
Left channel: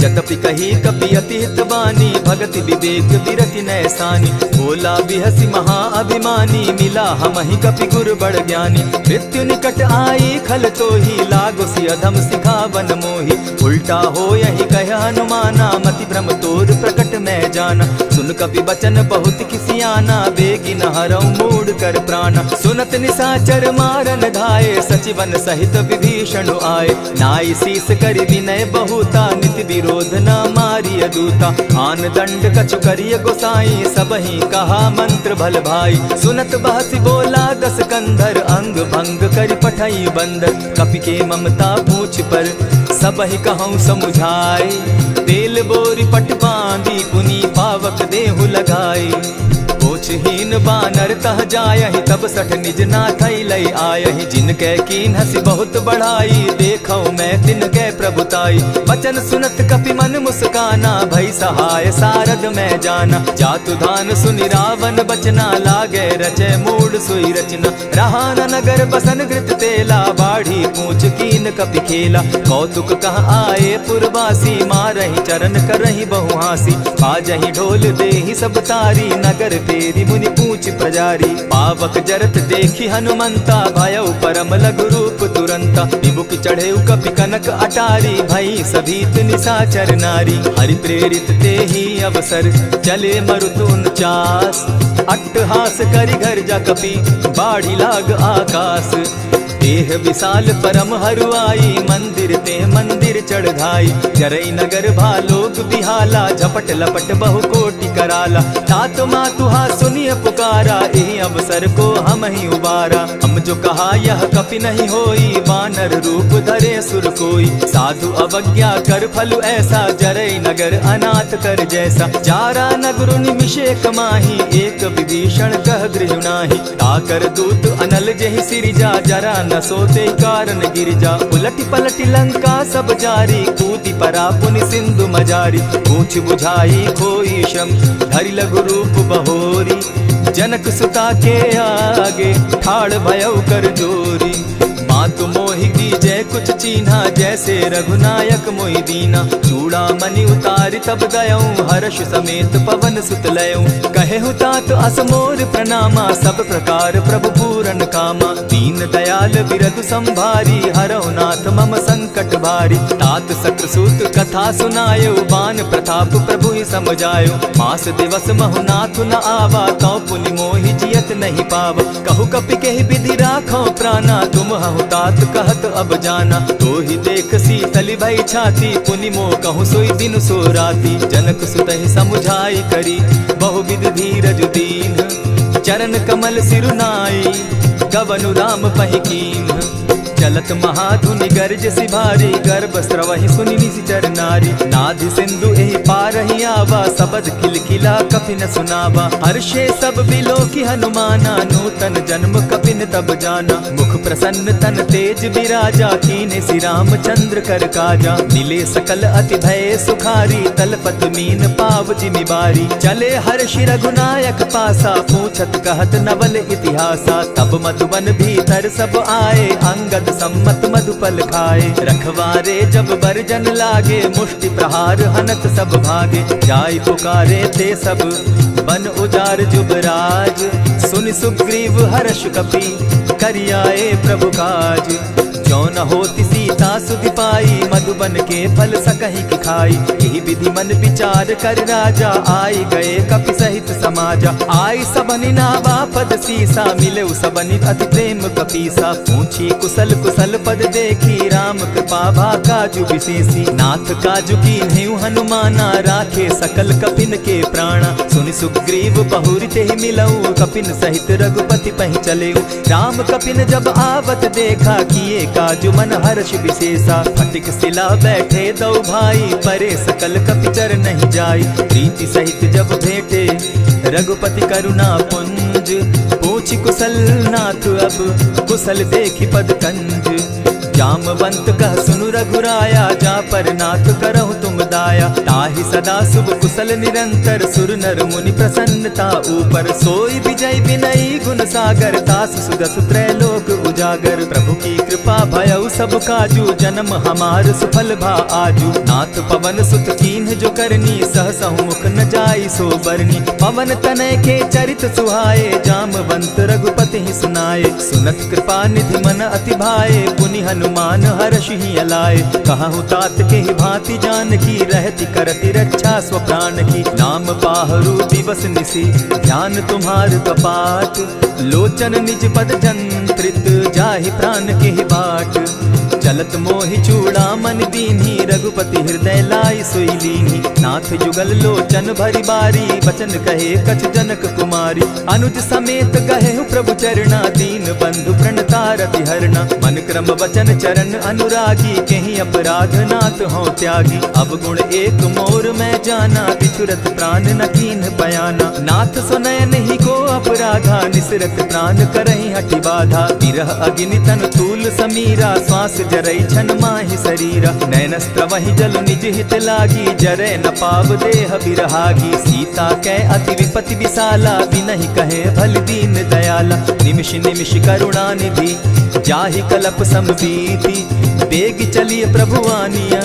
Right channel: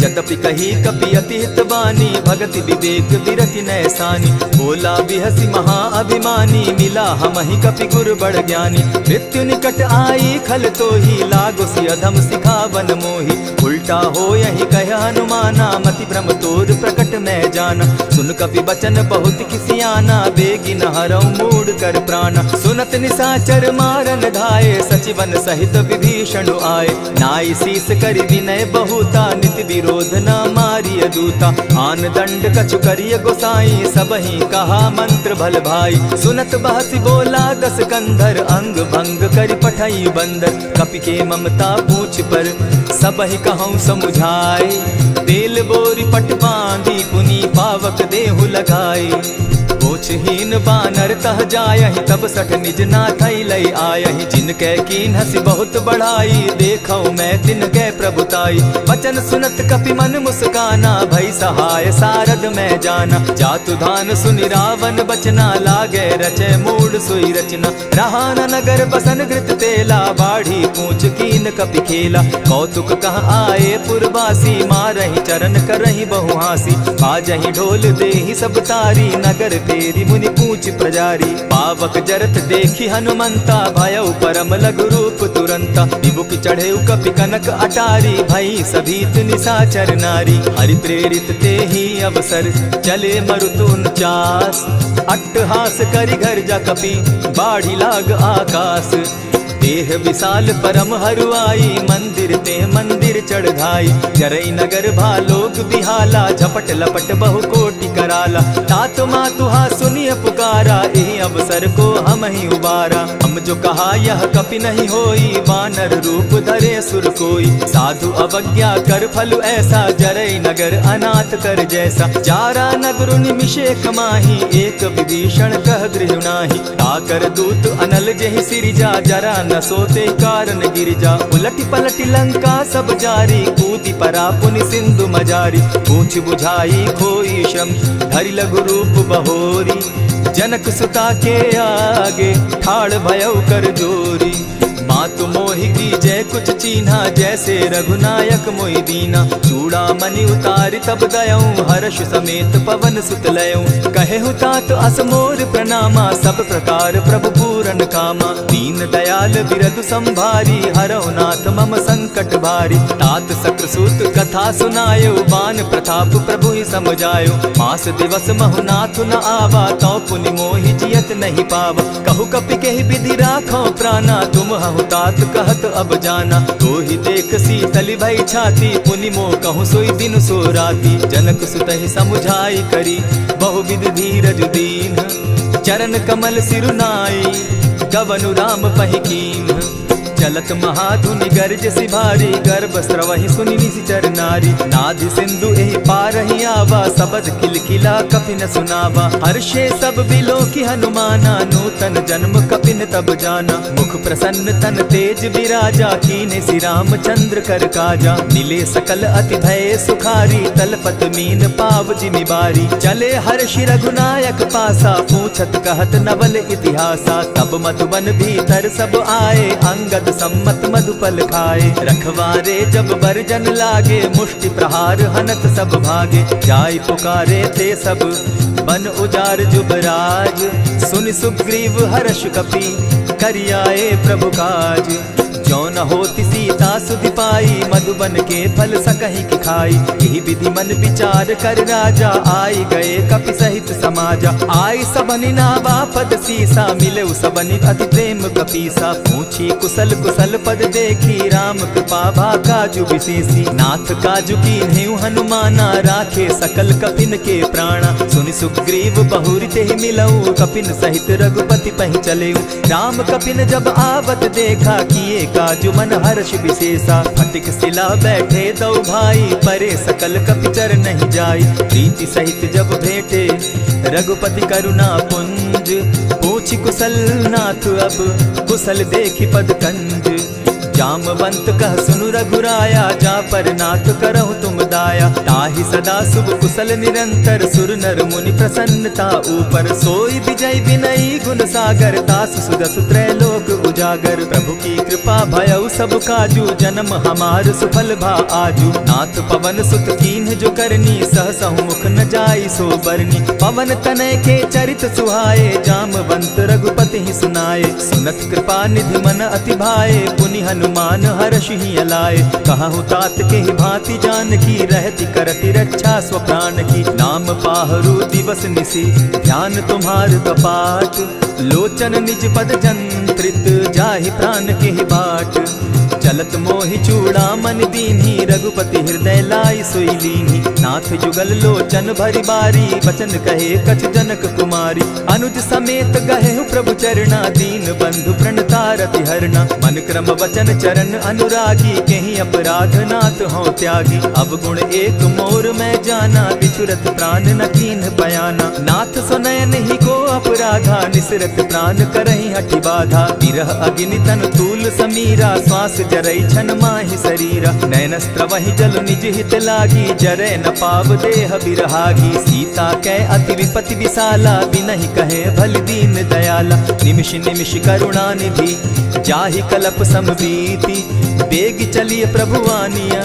जतपि कही कपि अति हित बानी, भगति विवेक विरति नैसानी। बोला बिहसि महा अभिमानी, मिला हमहि कपि गुर बड़ ज्ञानी। मृत्यु निकट आई खल तोहि, लागोसि अधम सिखावन मोहि। उल्टा हो यही कह हनुमाना, मति भ्रम तोर प्रकट मैं जाना। सुन कपि बचन बहुत किसियाना, बेगी न हरऊ मूढ़ कर प्राणा। सुनत निसाचर मारन धाये, सचिवन सहित विभीषण आए। नाई शीस करि विनय बहुता, नित विरोध न मारिय दूता। आन दंड कछु करिय गोसाई, सबहि कहा मंत्र भल भाई। सुनत बहसि बोला दस कंधर, अंग भंग करि पठई बंदर। कपि के ममता पूछ पर, सबहि कहूँ समुझाए। तेल बोरी पट बांधी, पुनि पावक देहु लगाए। पूछहीन बानर तह जायहि, तब सठ निज नाथ लई आयहि। जिनके कीन हसी बहुत बढ़ाई, देखौ मैं तिनके प्रभुताई। बचन सुनत कपि मन मुस्काना, भई सहाय सारद में जाना। जातु धान सुनि रावण बचना, लागे रचे मूड सोई रचना। रहा न नगर बसन घृत तेला, बाढ़ी पूछ कीन कपि खेला। कौतुक कह आए पुरवासी, मारहि चरण करहि बहु हासी। बाजहि ढोल देहि सब तारी, नगर फेरी मुनि पूछ प्रजारी। पावक जरत देखी हनुमंता, भयउ परम लघु रूप तुरंता। विमुख चढ़े कपि कनक अटारी, भई सभीत निशाचर नारी। हरि प्रेरित ते ही अवसर, चले मरुत 49। अट्टहास करि घर जा कपि, बाढ़ी लाग आकाश। देह विशाल परम हरुआई, मंदिर ते मंदिर चढ़ाई। जरई नगर भालोग बिहाला, झपट लपट बहु कोटि कराला। तात मातुहा सुनिय पुकारा, यही अवसर को हम ही उबारा। हम जो कहा यह कपि नहीं होई, वानर रूप धरे सुर कोई। साधु अवज्ञा कर फल ऐसा, जरई नगर अनाथ कर जैसा। चारा नगर निमिषे कमाही, एक विभीषण कह गृह नाही। ताकर दूत अनल जहि सिरिजा, जरा न सोते कारण गिरिजा। उलटी पलटी लंका सब जारी, कूदी परा पुनि सिंधु मजारी। पूछ बुझाई खोई श्रम, धरि लघु रूप बहोरी। जनक सुता के आगे, ठाड़ भयउ कर जोरी। मातु मोहि दीजै कुछ चीन्हा, जैसे रघुनायक मोहि दीना। चूड़ा मणि उतारि तब दयऊं, हर्ष समेत पवन सुत लयऊं। कहे तात अस मोर प्रणामा, सब प्रकार प्रभु पूरन कामा। दीन दयाल बिरदु संभारी, हरौ नाथ मम संकट भारी। तात सक्रसूत कथा सुनायो, बान प्रताप प्रभु ही समझायो। मास दिवस महु नाथ न आवा, तौ पुनि मोहि जियत नहीं पावा। कहु कपि केहि विधि राखो प्राणा, तुम हहु तात कहत अब जाना। तो ही देख शीतल भई छाती, पुनि मो कहूँ सोई दिन सो राती। जनक सुतहि समुझाई करी, बहु विधि धीरज दीन। चरण कमल सिरुनाई, गवनु राम पहि कीन। चलत महाधुनि गर्ज सिभारी, गर्भ स्रवहि सुनि निशिचर नारी। नाधि सिंधु एहि पारहि आवा, सबद किलकिला कपि न सुनावा। हर्षे सब बिलो की हनुमाना, नूतन जन्म कपिन तब जाना। मुख प्रसन्न तन तेज विराजा, कीने श्री रामचंद्र कर काजा। मिले सकल अति भय सुखारी, तलपत मीन पाव जिमि बारी। चले हर्षि रघुनायक पासा, पूछत कहत नवल इतिहासा। तब मधुबन भीतर सब आए, अंगद सम्मत मधुपल खाए। रखवारे जब बरजन लागे, मुष्टि प्रहार हनत सब भागे। जाय पुकारे ते सब, बन उजार जुबराज। सुनि सुग्रीव हर्ष कपि, करियाए प्रभु काज। जो न होती सीता सुधि पाई, मधुबन के फल सकहि की खाई। यही विधि मन विचार कर राजा, आई गए कपि सहित समाजा। आई सबनि नावा पद सीसा, मिले सबनि अति प्रेम कपीसा। पूछी कुशल कुशल पद देखी, राम कृपा भा काजु विशेषी। नाथ काजु कीन्हेउ हनुमाना, राखे सकल कपिन के प्राणा। सुनि सुग्रीव बहुरि तेहि मिलऊ, कपिन सहित रघुपति पहि चलेऊ। राम कपिन जब आवत देखा, किए काजु मन हर्ष विशेषा। फटिक सिला बैठे दो भाई, परे सकल कपि चर नहीं जाई। प्रीति सहित जब भेटे, रघुपति करुणा पुंज। पूछि कुशल नाथ अब, कुशल देखि पद कंज। जामवंत कह सुनु रघुराया, जा पर नाथ करहु तुम दाया। ताहि सदा शुभ कुशल निरंतर, सुर नर मुनि प्रसन्नता ऊपर। सोई विजय विनयी गुण सागर, तास सुदस त्रैलोक उजागर। प्रभु की कृपा भयउ सब काजू, जन्म हमार सुफल भा आजू। नाथ पवन सुत कीन्ह जो करनी, सहसहु मुख न जाई सो बरनी। पवन तनय के चरित सुहाए, जामवंत रघुपति ही सुनाए। सुनत कृपा निधि मन अति भाए, पुनि हनुमान हर्ष ही अलाए। कहूँ तात के ही भांति जान की, रहती करती रक्षा स्व प्राण की। नाम पाहरु दिवस निसी, ध्यान तुम्हार कपाट। लोचन निज पद जंत्रित, जाहि प्राण के ही बाट। चलत मोहि चूड़ामन दीन्ही, रघुपति हृदय लाई सोई लीन्ही। नाथ जुगल लोचन भरी बारी, बचन कहे कछ जनक कुमारी। अनुज समेत गहे प्रभु चरणा, दीन बंधु प्रणतारति हरना। मन क्रम वचन चरण अनुरागी, कहीं अपराध नाथ हो त्यागी। अब गुण एक मोर मैं जाना, बिछुरत प्राण न कीन्ह बयाना। नाथ सुनयन ही को अपराधा, निसरत प्राण करहि हठि बाधा। विरह अग्नि तन तूल समीरा, श्वास जरई छन माहि शरीरा। नैनस्त्र वही जल निज हित लागी, जरै न पाव देह बिरहागी। सीता कै अति विपति विशाला, बिनहि कहे भल दीन दयाला। निमिष निमिष करुणा निधि, जाहि कलप समबीति। बेग चलिए प्रभु आनिया,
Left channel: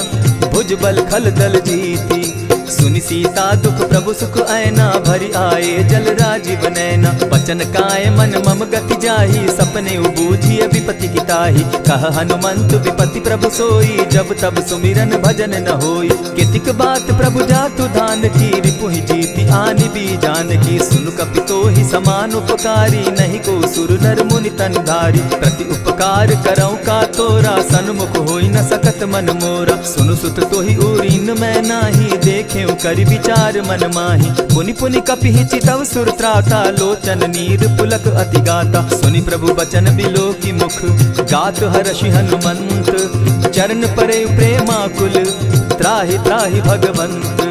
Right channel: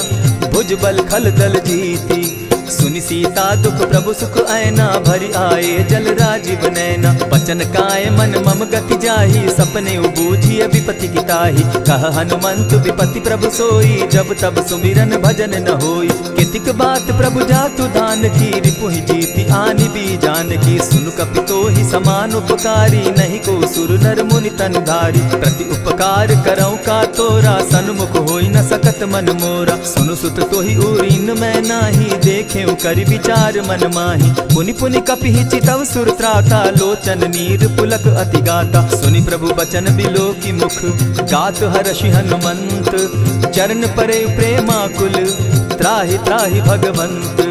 भुज बल खल दल जीती। सुनि सीता दुख प्रभु सुख ऐना, भरि आए जल राजीव नैना। बचन काय मन मम गति जाहि, सपने बूझिय विपति की ताहि। कह हनुमंत विपति प्रभु सोई, जब तब सुमिरन भजन न होई। कितिक बात प्रभु जातु धान की, रिपुहि जीति आनि भी जान की। सुन कपि तोहि समान उपकारी, नहीं को सुर नर मुनि तन धारी। प्रति उपकार करऊं का तोरा, सन्मुख होई न सकत मन मोरा। सुनु सुत तोहि उरीन मैं नाही, देखे करि विचार मन माही। पुनि पुनि कपिहि चितव सुर त्राता, लोचन नीर पुलक अति गाता। सुनि प्रभु बचन बिलो की मुख, गात हर्षि हनुमंत। चरण परे प्रेमाकुल, त्राहि त्राहि भगवंत।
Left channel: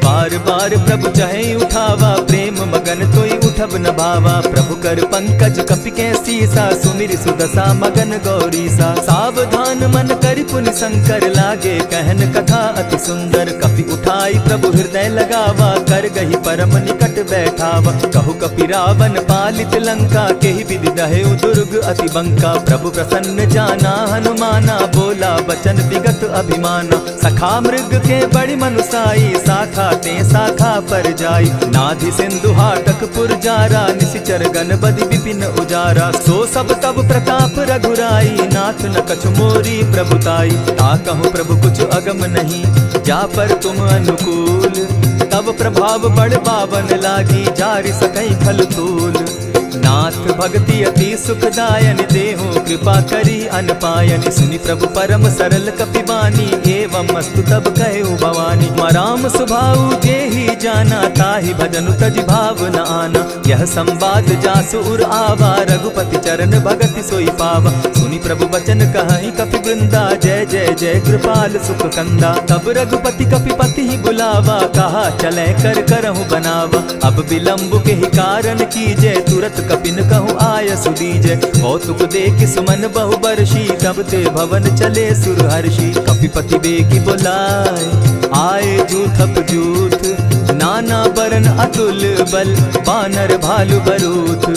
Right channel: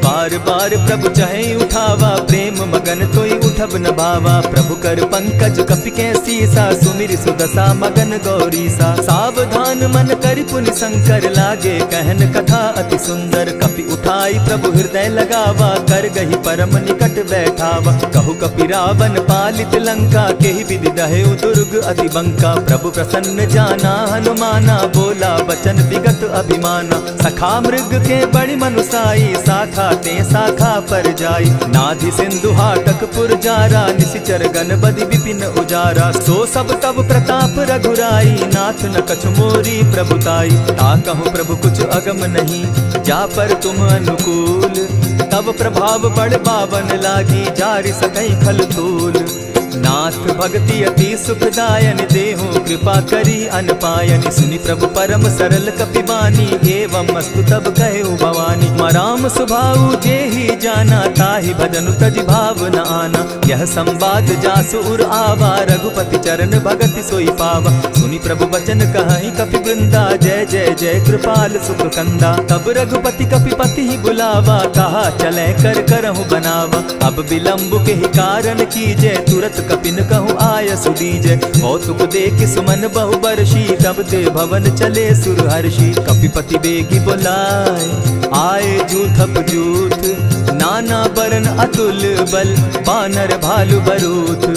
बार बार प्रभु चहे उठावा, प्रेम मगन तोई उठब न भावा। प्रभु कर पंकज कपि के सीसा, सुमिर सुदशा मगन गौरीसा। सावधान मन करि पुनि शंकर, लागे कहन कथा अति सुंदर। कपि उठाई प्रभु हृदय लगावा, कर गही परम निकट बैठावा। कहु कपि रावण पालित लंका, केहि विधि दहेउ दुर्ग अति बंका। प्रभु प्रसन्न जाना हनुमाना, बोला बचन विगत अभिमाना। सखा मृग के बड़ी मनुसाई, साखा ते शाखा पर जाई। नाधि सिंधु हाटक पुर जारा, निशिचर गण बदि विपिन उजारा। सो सब तब प्रताप रघुराई, नाथ न कछु मोरी प्रभुताई। ता कहूँ प्रभु कुछ अगम नहीं, जा पर तुम अनुकूल। तब प्रभाव बड़ पावन लागी, जारि सकई खल तूल। नाथ भक्ति अति सुखदायन, देहु कृपा करी अनपायनि। सुनि प्रभु परम सरल कपिबानी, एवं मस्तु तब कहु भवानी। मराम सुभाऊ जेहि जाना, ताहि भजनु तजि भाव न आना। यह संवाद जासु उर आवा, रघुपति चरण भगति सोई पावा। सुनि प्रभु बचन कहि कपि वृंदा, जय जय जय कृपाल सुख कंदा। तब रघुपति कपिपति ही बुलावा, कहा चले कर करहु बनावा। अब विलंब के ही कारण कीजय, तुरत कपिन कहूँ आय सुदीजय। कौतुक देख सुमन बहु बरसी, तब ते भवन चले सुरहर्षि। कपिपति बेगी बुलाए, आए जूथप जूथ। नाना बरन अतुल बल, बानर भालु बरूथ।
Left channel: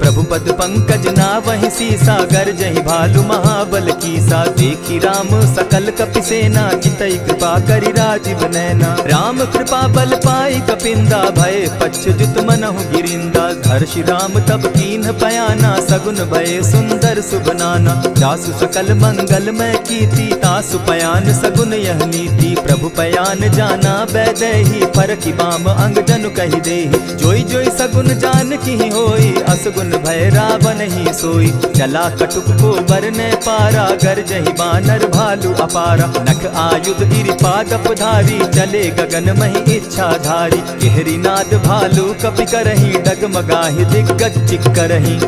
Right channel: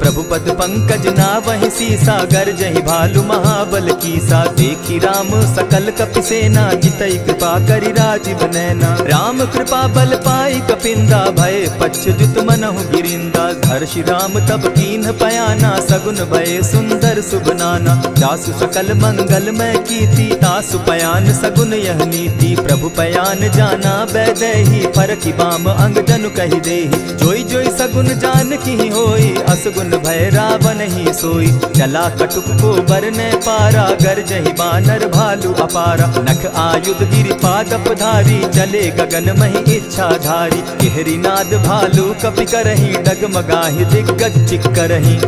प्रभु पद पंकज नावहि सीसा, गर्जहि भालु महाबल कीसा। देखी राम सकल कपि सेना, जितई कृपा करि राजीव नैना। राम कृपा बल पाई कपिंदा, भय पच्युत मनहु गिरिंदा। हर्षि राम तब कीन्ह पयाना, सगुन भय सुंदर शुभ नाना। जासु सकल मंगल मैं कीर्ति, तासु पयान सगुन यह नीति। प्रभु पयान जाना बैदेही, फरकि बाम अंग जनु कहि देहि। जोई जोई सगुन जान की होई, असगुन भय रावण ही सोई। चला कटुक को बरने पारा, गरजहि बानर भालु अपारा। नख आयुध गिरि पादप धारी, चले गगन महि इच्छा धारी। केहरी नाद भालु कपि करहि, डगमगाहि दिग्गज चिक्करहि।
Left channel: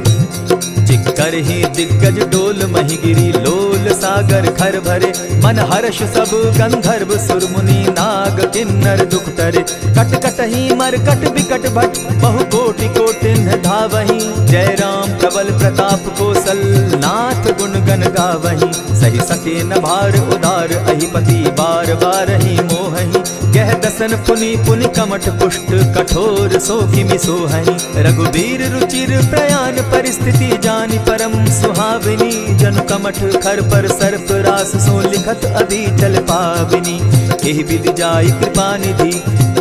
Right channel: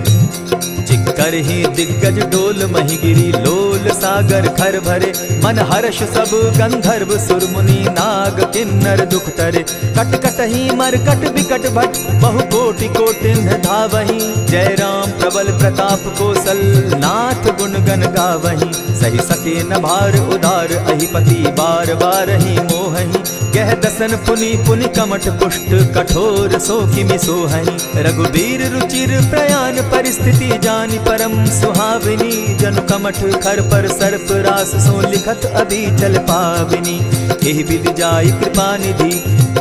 चिक्करहि दिग्गज डोल महि गिरी, लोल सागर खर भरे। मन हर्ष सब गंधर्व सुर मुनि, नाग किन्नर दुख तरे। कट कटहि मरकट बिकट भट, बहु कोटि कोटिन्ह धावहि। जय राम प्रबल प्रताप कौशल, नाथ गुण गण गावहि। सही सके न भार उदार, अहिपति बार बार ही मोहहि। गह दसन पुनि पुनि कमठ पुष्ट, कठोर सो किमि सोहहि। रघुबीर रुचिर प्रयाण परिस्थिति, जानि परम सुहाविनी। जनु कमठ खर पर सर्प रास, सो लिखत अभी चल पाविनी। एहि विधि जाई कृपा निधि,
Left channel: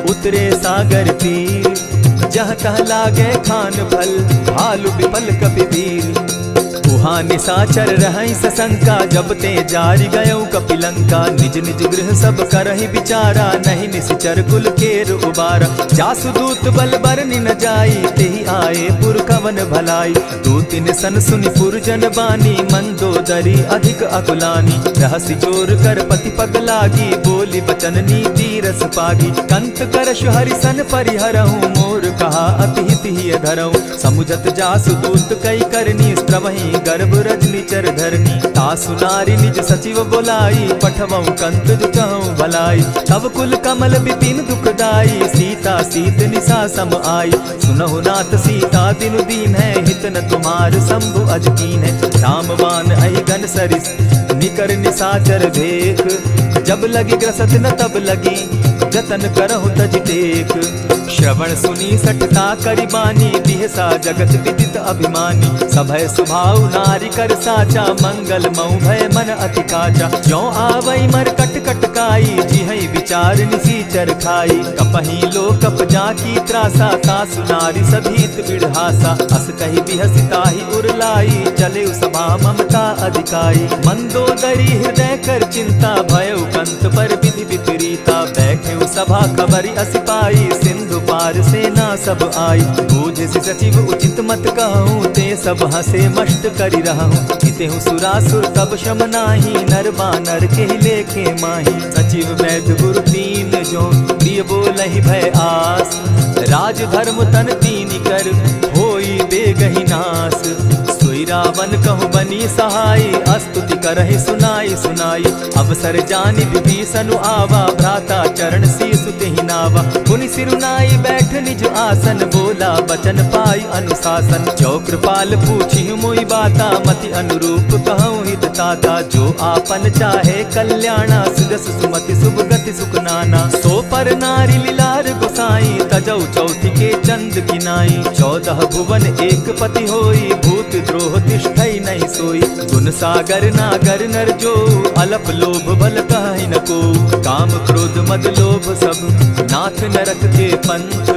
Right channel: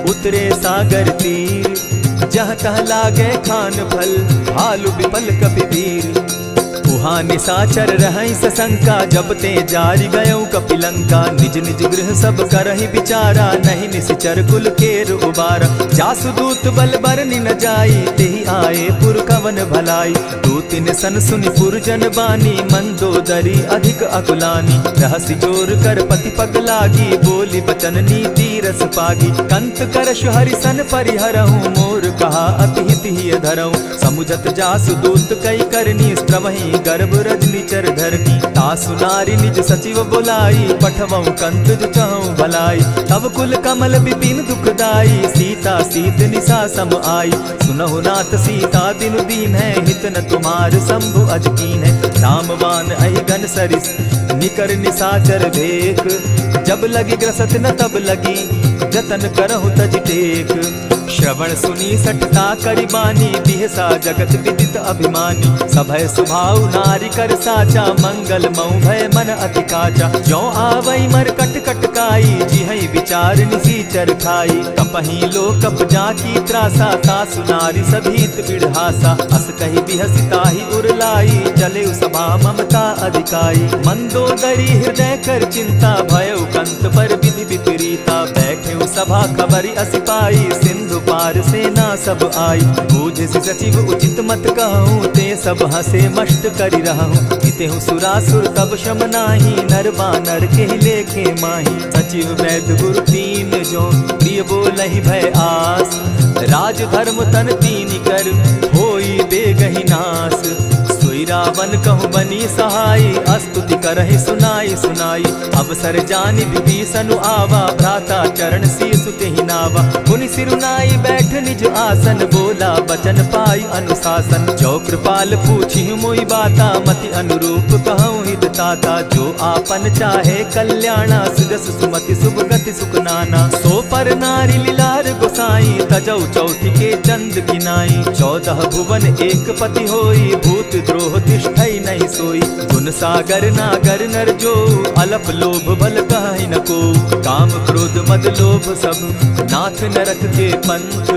उतरे सागर तीर। जहाँ तह लागे खान फल, भालु विफल कपि वीर। उहाँ निशाचर रहई सशंका, जब ते जारी गयऊ कपिलंका। निज निज गृह सब करहि विचारा, नहीं निशिचर कुल केर उबारा। जासु दूत बल बरनि न जाई, तेहि आए पुर कवन भलाई। दूतिन सन सुनि पुरजन बानी, मंदोदरी अधिक अकुलानी। रहसि जोर कर पति पग लागी, बोली बचन नीति रस पागी। कंत करश हरिसन परिहरहूँ, मोर कहा अति हित ही धरऊँ। समुझत जासु दूत कई करनी, स्त्रवहीं गर्भ रजनी चर धरनी। तासु नारी निज सचिव बोलाई, पठवऊँ कंत जो चहूँ भलाई। तब कुल कमल विपिन दुखदाई, सीता सीत निशा सम आई। सुनहु नाथ सीता दिनु दीन है, हित न तुम्हार शंभु अजकीन है। रामवान अहि घन सरिस निकर निशाचर भेक, जब लगी ग्रसत न तब लगी जतन करहु तज टेक। श्रवण सुनी सठता करि बानी, बिहसा जगत विदित अभिमानी। सभय सुभाव नारी कर साचा, मंगल मऊ भय मन अति काचा। ज्यों आवई मर कट कट काई, जिहई विचार निसीचर खाई। कपही लो कप जाकी त्रासा, तासु नारी सभीत बिढ़ासा। अस कही बिहसिता ही उरलाई, चले सभा ममता अधिकाई। मंदोदरी हृदय कर चिंता, भयउ कंत पर विधि विपरीता। बैठे सभा खबरी अस पाई, सिंधु पार सेना सब आई। बूझ सचिव उचित मत कहूँ, ते सब हंसे मष्ट करि रहूँ। इतेहु सुरासुर तब शम नाही, नर बानर के लेखे माही। सचिव वैद्य गुरु तीन जो, प्रिय बोलहि भय आस। राज धर्म तन तीन कर, होई बेगहि नास। सोई रावण कहु बनी सहाय, स्तुति करहि सुनाई सुनाई। अवसर जानि विभीषण आवा, भ्राता चरण शीसु तेहि नावा। पुनि सिरुनाई बैठ निज आसन, बोला बचन पाई अनुशासन। जो कृपाल पूछि मोई बाता, मति अनुरूप कहूँ हित ताता। जो आपन चाहे कल्याणा, सुजस सुमति शुभ गति सुख नाना। सो पर नारी लीलार गोसाई, तजौ चौथि के चंद किनाई। 14 भुवन एक पति होई, भूत द्रोह तिष्ठई नहीं सोई। गुण सागर नागर नर जो, अलप लोभ बल कहि न को। काम क्रोध मद लोभ सब, नाथ नरक के पंथ।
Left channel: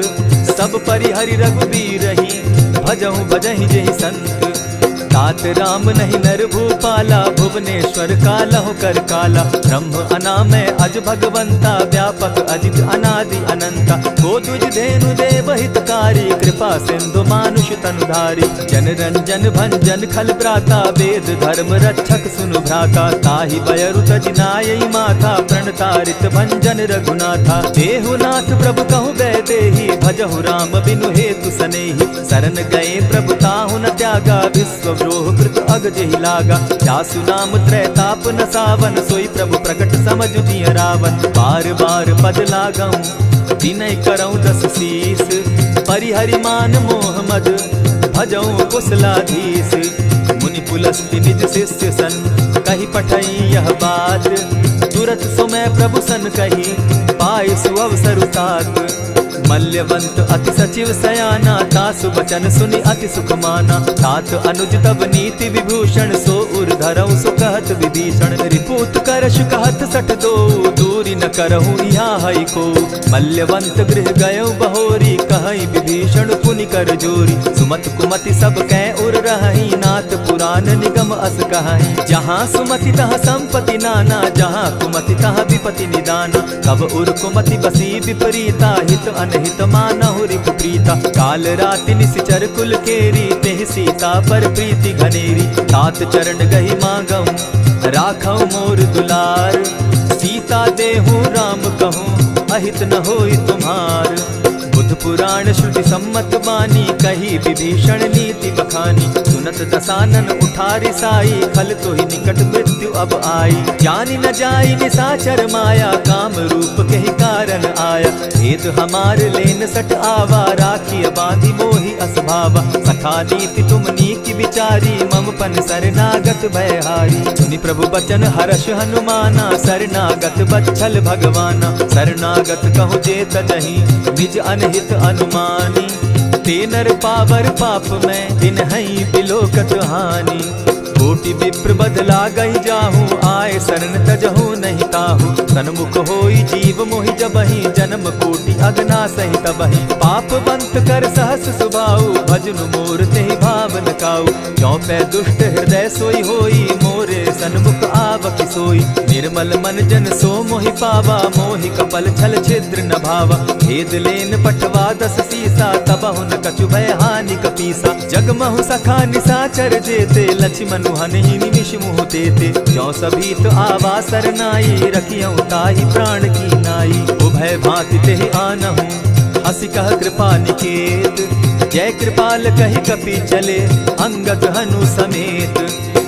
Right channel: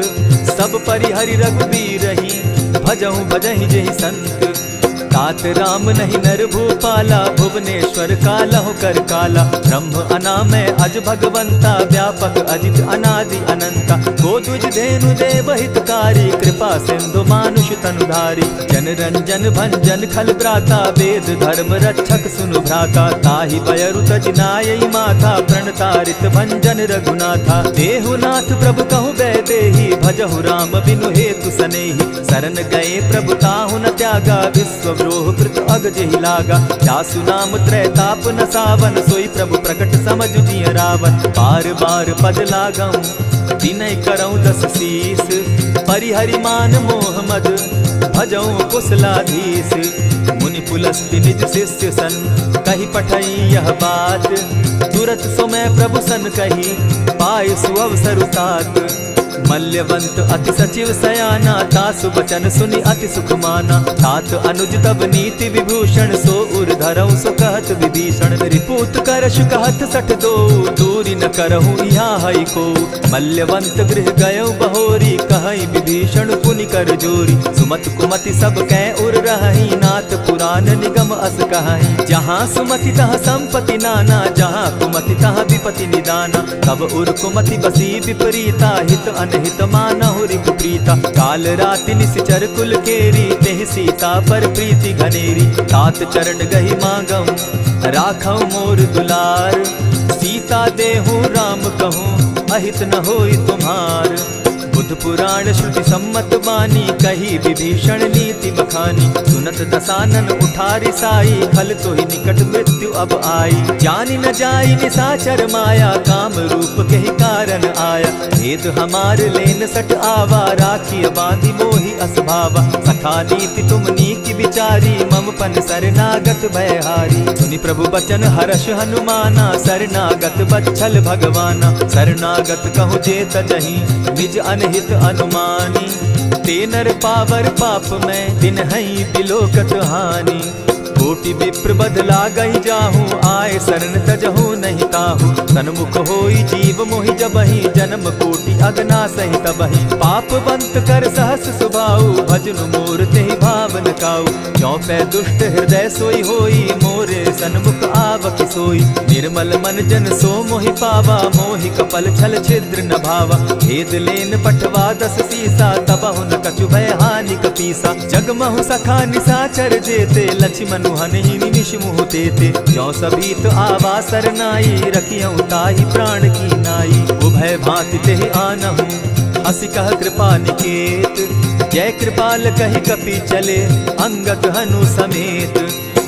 सब परिहरि रघुबीर रही, भजहु भजहि जेहि संत। तात राम नहीं नर भूपाला, भुवनेश्वर कालहु कर काला। ब्रह्म अनामय अज भगवंता, व्यापक अजित अनादि अनंता। गोदुज धेनु देव हितकारी, कृपा सिंधु मानुष तनुधारी। जन रंजन भंजन खल भ्राता, वेद धर्म रक्षक सुनु भ्राता। ताहि बयरु तज नायई माथा, प्रणतारित भंजन रघुनाथा। देहुनाथ प्रभु कहु गए देहि, भजहु राम बिनु हेतु सनेहि। शरण गए प्रभु ताहु न त्यागा, विश्व द्रोह कृत अग जेहि लागा। जासु नाम त्रैताप न सावन, सोई प्रभु प्रकट समझ जिय रावण। बार बार पद लागऊं, विनय करऊं 10 शीस। परिहरि मान मोह मद, भजऊं कुशलाधीश। मुनि पुलस्ति निज शिष्य सन, कही पठई यह बात। तुरत सो मैं प्रभु सन कही, पाए सुअवसर तात। मल्यवंत अति सचिव सयाना, तासु बचन सुनि अति सुख माना। तात अनुज तब नीति विभूषण, सो उर धरऊं सो कहत विभीषण। रिपुत करश कहत सठ दो, दूरी न करहूँ यहाँ हई को। मल्यवंत गृह गयो बहोरी, कहई विभीषण पुनि कर जोरी। सुमत कुमति सब कै उर रहई, नाथ पुराण निगम अस कहई। जहाँ सुमति तहाँ संपत्ति नाना, जहाँ कुमति तहाँ विपति निदाना। तब उर कुमति बसी विपरीता, हित अनहित मानहु रिपु प्रीता। काल राति निशिचर कुल केरी, तेहि सीता पर प्रीति घनेरी। तात चरण गहि मांगऊं, राखऊं मोर दुलार। सीता देहूं राम कहूं, अहित न होई तुम्हार। बुद्ध पुराण श्रुति सम्मत बानी, कही विभीषण नीति बखानी। सुनत दसानन उठारी साई, खल तो ही निकट मृत्यु अब आई। जानी न जाई निशाचर माया, काम रूप के ही कारण आया। भेद हमार लेन सट आवा, राखी बांधी मोहि असभावा। सखा नीति तुम नीति विचारी, मम पन शरणागत भयहारी। सुनि प्रभु बचन हर्ष हनुमाना, शरणागत बच्छल भगवाना। शरणागत कहु जे तजहि, निज अनहित अनुमानी। ते नर पावर पाप में, दिन हई बिलोकत हानि। कोटि विप्र बदला गई जाहूँ, आए शरण तजहू नहीं ताहू। सन्मुख होई जीव मोहि जबहि, जन्म कोटि अगना सही तबहि। पाप बंत कर सहस सुभाऊ, भजनु मोर तेहि भावन काऊ। ज्यों पै दुष्ट हृदय सोई होई, मोरे सन्मुख आवक सोई। निर्मल मन जन सो मोहि पावा, मोहि कपल छल छिद्र न भावा। भेद लेन पठवा 10 सीसा, तबहु न कछु भय हानि कपीसा। जगमहु सखा निसाचर जेते, लक्ष्मनु हनहि निमिष मुँह तेते। ज्यों सभीत आवा सरनाई, रखियऊँ ताहि प्राण की नाई। उभय भांति तेहि आनहूँ, हसी कह कृपा निकेत। जय कृपाल कहि कपि चले, अंगद हनु समेत।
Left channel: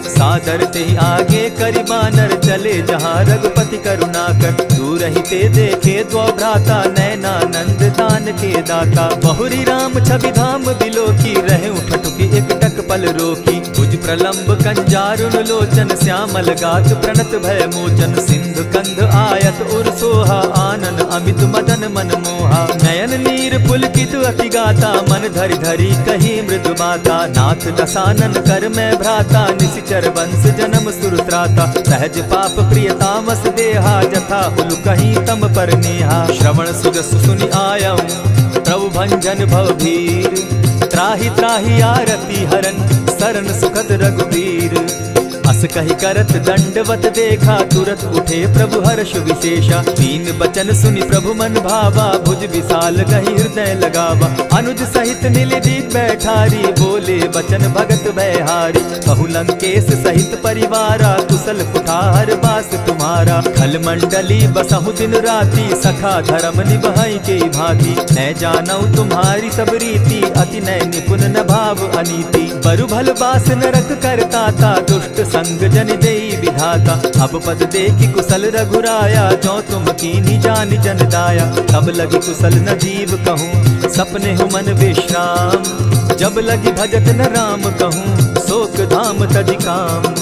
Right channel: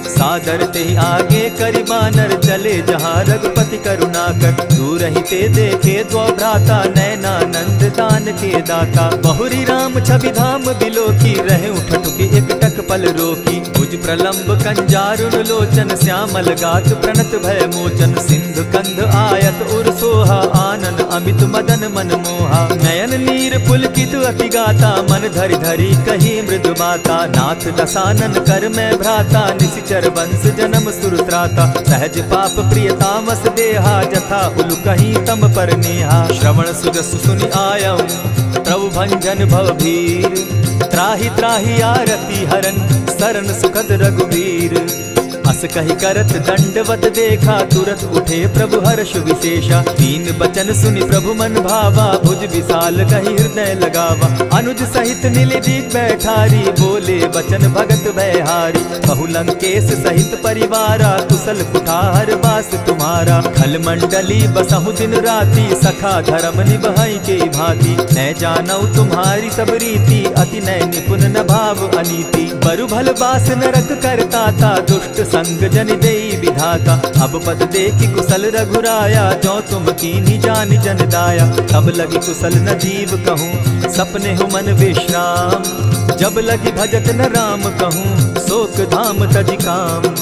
सादर ते आगे करि बानर चले, जहाँ रघुपति करुणाकर। दूर ही ते देखे द्वौ भ्राता, नैनानंद दान के दाता। बहुरी राम छवि धाम बिलोकी, रहे ठठुकी एक टक पल रोकी। भुज प्रलंब कंजारुन लोचन, श्यामल गात प्रणत भय मोचन। सिंधु कंध आयत उर सोहा, आनन अमित मदन मन मोहा। नयन नीर पुलकित अति गाता, मन धरि धरि कही मृदु बाता। नाथ दसानन कर मैं भ्राता, निशिचर वंश जन्म सुरत्राता। सहज पाप प्रिय तामस देहा, जथा उलु कहीं तम पर नेहा। श्रवण सुजस सुनि आयऊँ, प्रभु भंजन भव भीर। त्राहि त्राहि आरती हरन, सरन सुखद रघुबीर। अस कहि करत दंडवत देखा, तुरत उठे प्रभु हर्ष विशेषा। दीन बचन सुनि प्रभु मन भावा, भुज विशाल कहि हृदय लगावा। अनुज सहित नीलदीप बैठारी, बोले बचन भगत भयहारी। कहु लंकेश सहित परिवारा, कुशल कुठार बास तुम्हारा। खल मंडली बसहु दिन राति, सखा धर्म निभाई के भांति। न जानौ तुम्हारी सब रीति, अति नय निपुण न भाव अनीति। बरु भल बास नरक करताता, दुष्ट संग जन देई विधाता। अब पद देखि कुशल रघुराया, जो तुम कीन्ही जानि जन दाया। तब लगी कुशल न जीव कहूँ, सपने हो मन विश्राम। जब लगी भजत न राम कहूँ, शोक धाम तजि काम।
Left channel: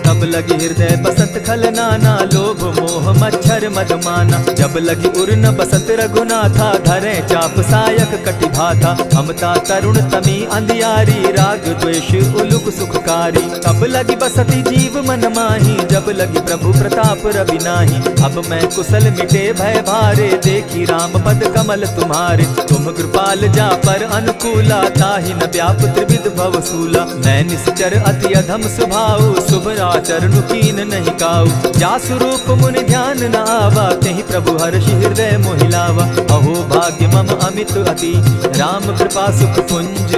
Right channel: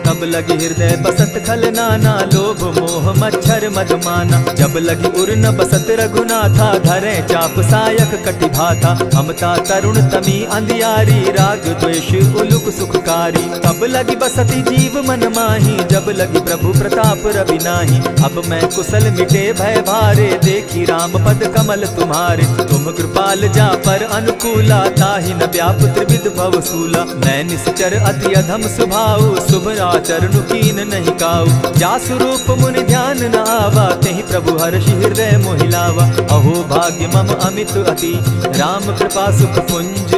तब लगी हृदय बसत खल नाना, लोभ मोह मच्छर मदमाना। जब लगी उर न बसत रघुनाथा, धरे चाप सायक कटि भाता। ममता तरुण तमी अंधियारी, राग द्वेष उलुक सुखकारी। तब लगी बसती जीव मन माही, जब लगी प्रभु प्रताप रवि नाही। अब मैं कुशल मिटे भय भारे, देखी राम पद कमल तुम्हारे। तुम कृपाल जा पर अनुकूला, ताहि न व्याप त्रिविध भव सूला। मैं निश्चर अति अधम स्वभाव, शुभ चरणु कीन नहीं काऊ। जासु रूप मुनि ध्यान न आवा, तेहि प्रभु हर्षि हृदय मोहिलावा। अहो भाग्य मम अमित अति, राम कृपा सुख पुंज।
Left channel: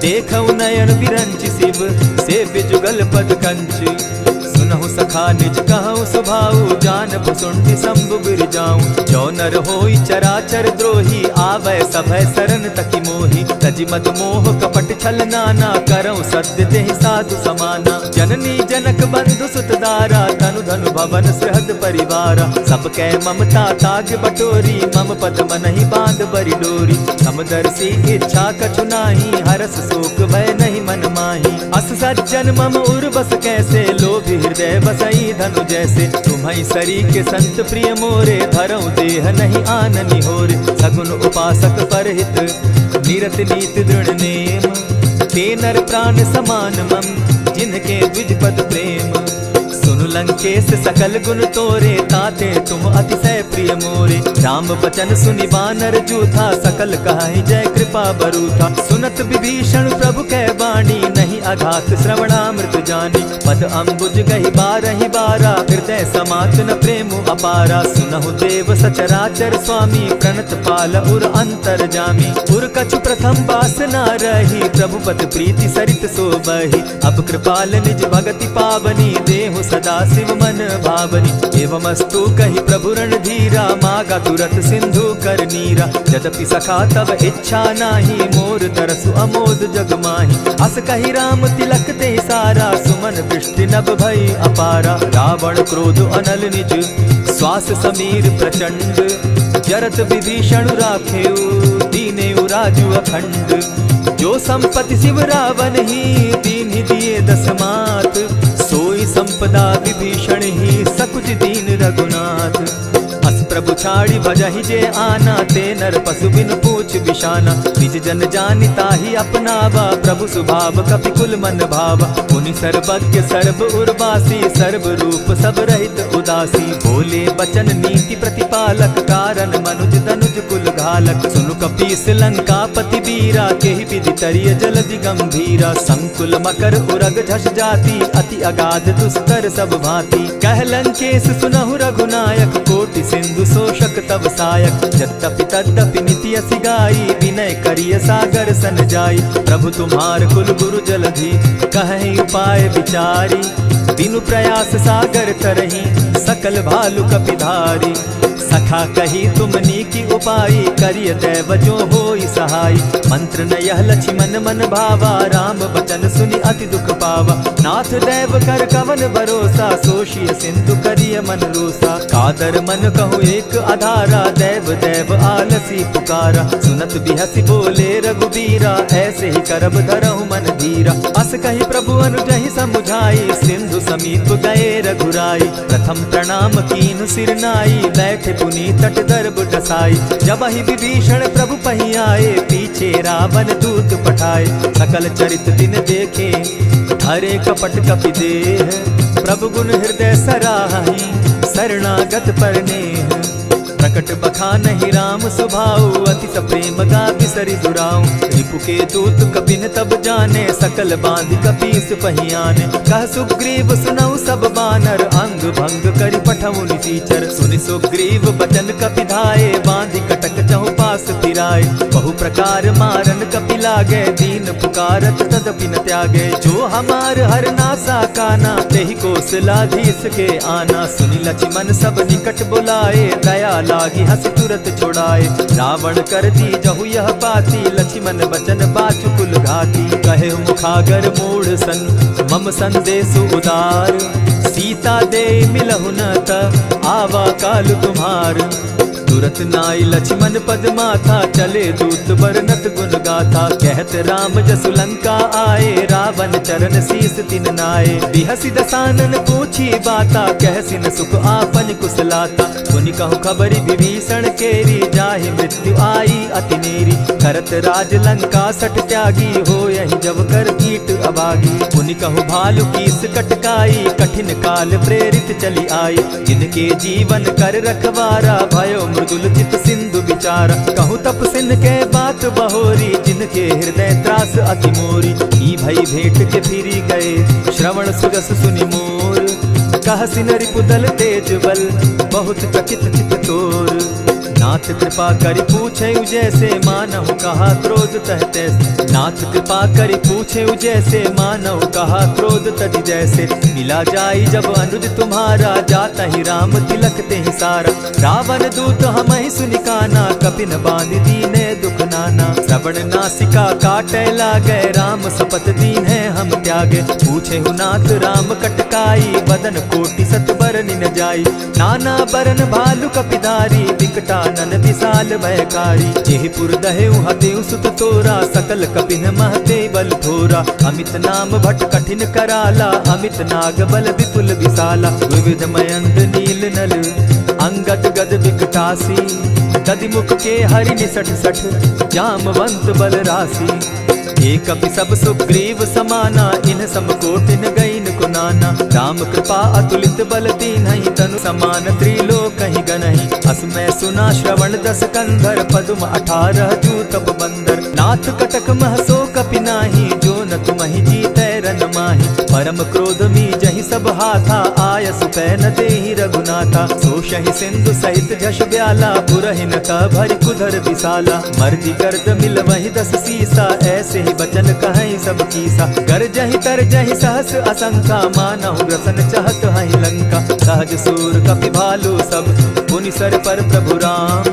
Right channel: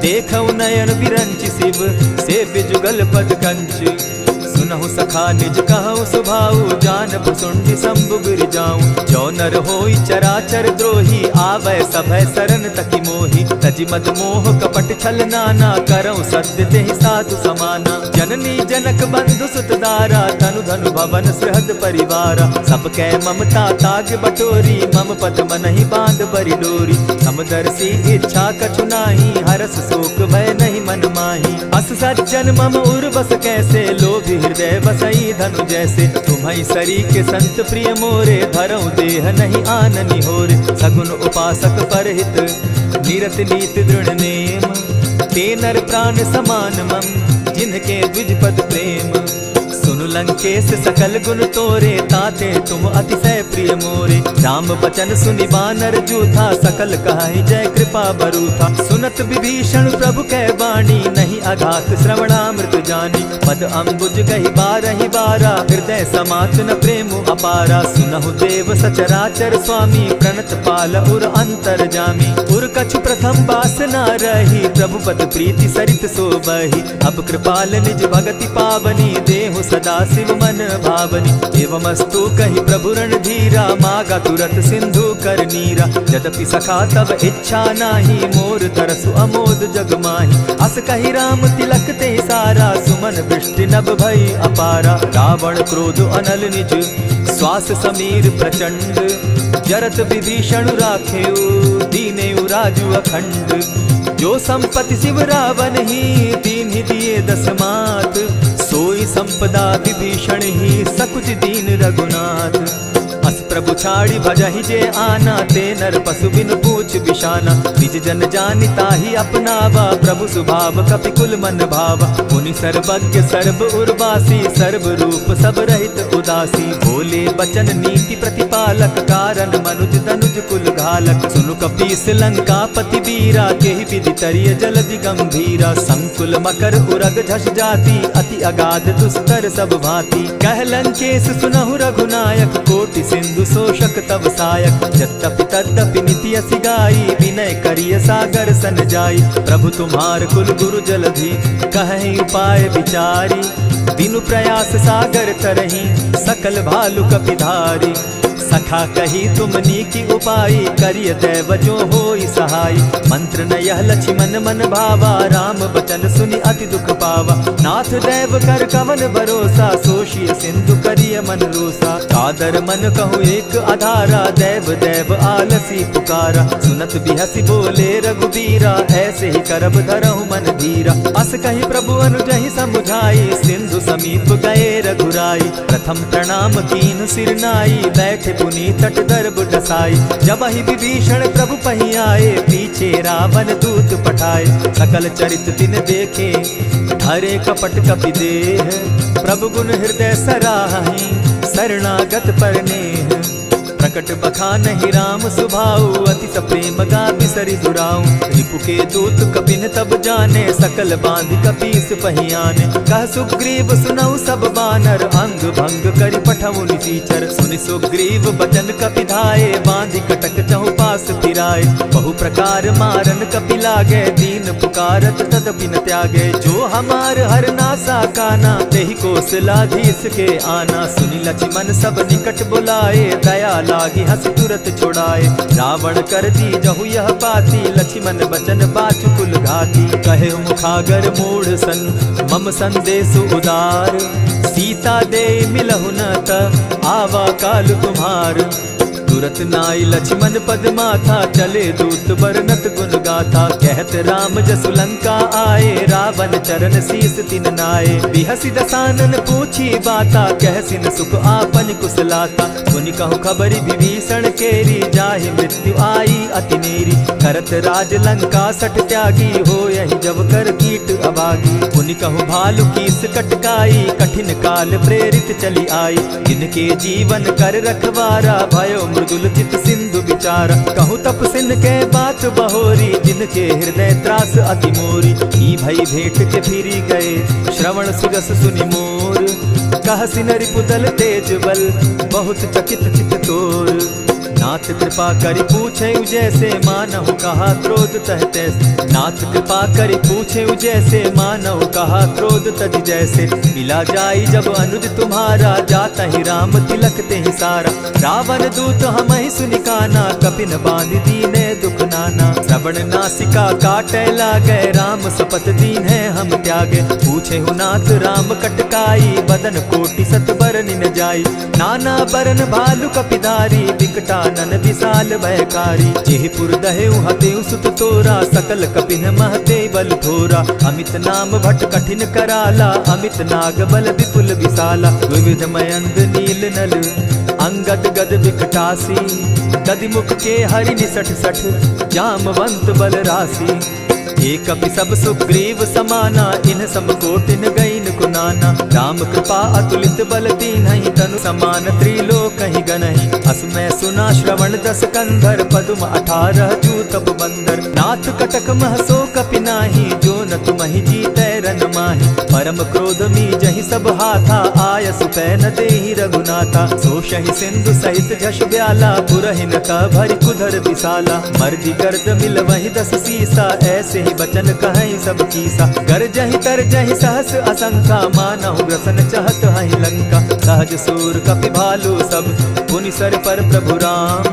देखऊ नयन विरंच शिव, सेव्य जुगल पद कंच। सुनहु सखा निज कहूँ सुभाऊ, जान भुसुंडि शंभु गिर जाऊं। जो नर होई चराचर द्रोही, आवे सभय शरण तकी मोही। तजि मद मोह कपट छल नाना, करऊँ सत्य तेहि साधु समाना। जननी जनक बंधु सुत दारा, तनु धनु भवन सृहद परिवारा। सब कै ममता ताग बटोरी, मम पद मनहि बांध बरि डोरी। समदर्शी इच्छा कछु नाही, हरस शोक भय नहीं मन माही। अस सज्जन मम उर बस कैसे, लोभी हृदय बसई धनु जैसे। तुम्हि सरी के संत प्रिय मोरे, धरऊ देह नहीं आननि होरे। सगुन उपासक परहित, निरत नीत दृढ़ नेम। ते नर प्राण समान मम, जिनके द्विज पद प्रेम। सुनु लंकेश सकल गुण तोरे, ताते तुम अतिशय प्रिय मोरे। राम बचन सुनि बानर जूथा, सकल कहाहि जय कृपा बरूथा। सुनत विभीषण प्रभु कै बाणी, नहीं अघात श्रवणामृत जानी। पद अम्बुज गहि बारहि बारा, हृदय समात न प्रेम अपारा। सुनहु देव सचराचर स्वामी, प्रणत पाल उर अंतर जामी। उर कछु प्रथम बास न रही, प्रभु पद प्रीति सरित सोबहि। अब कृपाल निज भगति पावनी, देहु सदा शिव मन भावनी। एवमस्तु कहि प्रभु रणधीरा, मागा तुरत सिंधु कर नीरा। यद्यपि सखा तब इच्छा नाही, मोर तरसु अमोद जग माही। अस कहि राम तिलक ते सारा, सुमन दृष्टि नभ भई अपारा। रावण क्रोध अनल निज, श्वास समीर प्रचंड। जरत विभीषण राखेउ, दीनेउ राजु अखंड। जो संपत्ति शिव रावण ही, दीन्हि दिए 10 मात। सोई संपदा विभीषण ही, सकुच दीन रघुनाथ। अस प्रभु छाड़ी भजहि जे आना, ते नर पशु बिन पूछ बिशाना। निज जन जानि ताहि अपनावा, प्रभु स्वभाव कपि कुल मन भावा। मुनि सर्वज्ञ सर्व उर्वासी, सर्व रूप सब रहित उदासी। बोले बचन नीति प्रतिपालक, कारण मनुज धनुज कुल घालक। सुनु कपीस लंकापति बीरा, केहि विधि तरिय जलधि गंभीरा। संकुल मकर उरग झष जाति, अति अगाध दुस्तर सब भांति। कह लंकेश सुनहु रघुनायक, कोटि सिंधु शोषक तब सायक। यद्यपि तद्यपि निति असि गाई, विनय करिय सागर सन जाई। प्रभु तुम्हार कुल गुरु जलधि, कहि उपाय विचारी। बिनु प्रयास सागर तरहि, सकल भालु कपिधारी। सखा कही तुमनी की उपाय, करिय दैव जो होई सहाय। मंत्र न यह लक्ष्मण मन भावा, राम बचन सुनि अति दुख पावा। नाथ दैव कर कवन भरोसा, सोषिय सिंधु करिय मन रोसा। कादर मन कहूँ एक आधारा, दैव दैव आलसी पुकारा। सुनत बिहसी बोले रघुबीरा, ऐसे ही करब धरहु मन धीरा। अस कही प्रभु अनुजहि समुझाई, सिंधु समीप गए रघुराई। प्रथम प्रणाम कीन सिर नाई, बैठे पुनि तट दर्ब डसाई। जब ही विभीषण प्रभु पही आए, पीछे रावण दूत पठाए। सकल चरित तिन देखे, हरे कपट कपि देह। प्रभु गुण हृदय सराहि, शरणागत पर नेह। प्रकट बखानहि राम सुभाऊ, अति प्रेम गा बिसरि दुराऊ। रिपु के दूत कपिन तब जाने, सकल बांधि कपीस पहियाने। कह सुग्रीव सुनऊ सब बानर, अंग भंग करि पठऊ निसीचर। सुनि सुग्रीव बचन कपि धाये, बांधि कटक चहु पास फिराए। बहु प्रकार मारन कपि लागे, दीन पुकारत तदपि न त्यागे। जो हमार हर नासा काना, तेहि कौशलाधीश के आना। सुनि लक्ष्मण सब निकट बुलाए, दया लागी हंस तुरत छुड़ाए। रावण कर दी जहु यह पाती, लक्ष्मण बचन बाचु कुल घाती। कहे मुखागर मूढ़ सन, मम संदेश उदार। सीता दे मिलहु न त, आवा काल तुम्हार। तुरत नाई लक्ष्मण पद माथा, चले दूत बरनत गुण गाथा। कहत राम जसु लंका आए, रावण चरण शीस तिन नाये। बिहसि दसानन पूछी बाता, कहसि न सुख आपन कुशलाता। सुनि कहु खबरि विभीषण केरी, जाहि मृत्यु आई अति नेरी। करत राज लंका सट त्यागी, हो यही जब कर कीट अभागी। पुनि कहु भालु कीस कटकाई, कठिन काल प्रेरित चली आई। जिनके जीवन कर रखवारा, भयो मृदुल चित सिंधु विचार। कहूँ तप सिन के बात बहोरी, जिनके हृदय त्रास अति मोरी। ई भई भेंट के फिरी गए, श्रवण सुजस सुनि मोर। कह सिन रिपुदल तेज बल, बहुत चकित चित तोर। नाथ कृपा करि पूछे जैसे, मानहु कहा क्रोध तह तैसे। नाथ कृपा करि पूछे जैसे, मानहु कहा क्रोध तज जैसे। मिला जाई जब अनुज तुम्हारा, जाता ही राम तिलक ते ही सारा। रावण दूत हम ही सुनिकाना, कपिन बांध दीने दुख नाना। श्रवण नासिका काटे लागे, राम सपत दीन है हम त्यागे। पूछे हु नाथ राम कटकाई, बदन कोटि सत बरनि न जाई। नाना बरन भालु कपिधारी, विकटानन विशाल भयकारी। जेहिपुर दहेउ हतेउ सुत तोरा, सकल कपिन महते बल थोरा। अमित नाम भट कठिन कराला, अमित नाग बल विपुल विशाला। विविध मयंद नील नल, अंगद गद विकटासी। गद मुख के हरि निसठ सठ, जामवंत बल राशि। एक कपि सब सुग्रीव समाना, इन समकोटिन गईन कुनाना। राम कृपा अतुलित बल दीन्हि, तनु समान त्रिलोक ही गनहि। असमय सुना श्रवण दस कंधर, पदुम 18 जूतब बंदर। नाथ कटक महसो कपि नाही, जो न तुमहि जीतै रन माहि। परम क्रोध मी जहि सब हाथा, आय सुपैन देहि रघुनाथा। सोषहि सिंधु सहित झष ब्याला, पुरहि न भरि कुधर विशाला। मर्दि गर्द मिल वहि 10 सीसा, ऐसे बचन कहीं सब कीसा। कर जहि तर जहि सहस असंखा, मानहु ग्रसन चाहत हहि लंका। सहज सूर कपि भालु सब, पुनि सर पर प्रभु राम।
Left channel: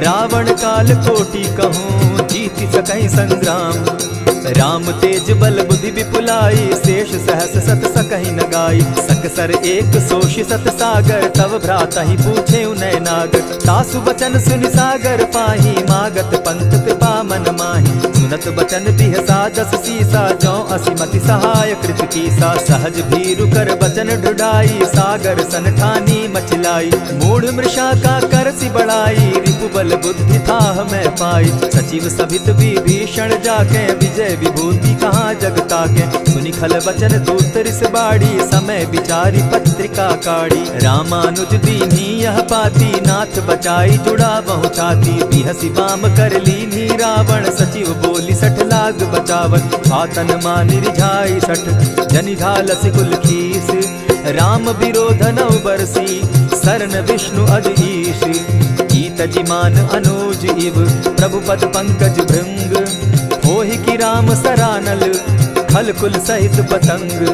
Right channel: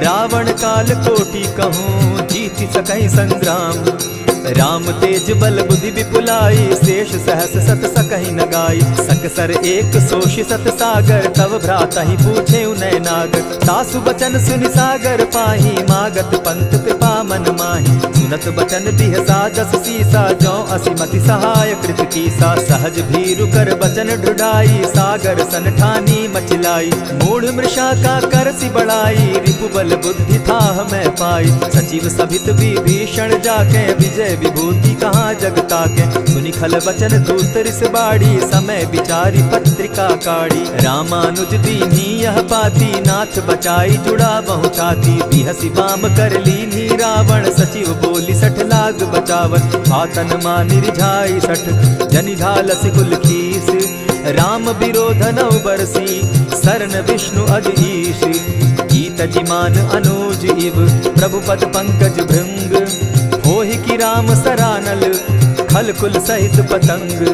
रावण काल कोटि कहूँ, जीत जीति सकहि संग्राम। राम तेज बल बुद्धि विपुलाई, शेष सहस सत सकहि न गाई। सकसर एक सोषि सत सागर, तव भ्रातहि पूछे उनय नागर। तासु बचन सुनि सागर पाही, मागत पंत कृपा मन माही। सुनत बचन बिहसा जस सीसा, जौ असिमति सहाय कृत कीसा। सहज भीरु कर बचन ढुढ़ाई, सागर सन ठानी मचिलाई। मूढ़ मृषा का करसि बढ़ाई, रिपु बल बुद्धि थाह मैं पाई। सचिव सभित विभीषण जाके, विजय विभूति कहाँ जगता के। सुनि खल बचन दूत रिस बाड़ी, समय विचारी पत्रिका काढ़ी। रामानुज दीन्ही यह पाती, नाथ बचाई जुड़ा बहु छाती। बिहसी बाम कर लीन्ही रावण, सचिव बोली सठ लाग बचावन। आतन मानि रिझाई सठ, जनि ढालस कुल खीस। राम विरोध नौ बरसी, शरण विष्णु अज ईश। गीत जिमान अनुज इव, प्रभु पद पंकज भृंग। होहि की राम सरानल, खल कुल सहित पतंग।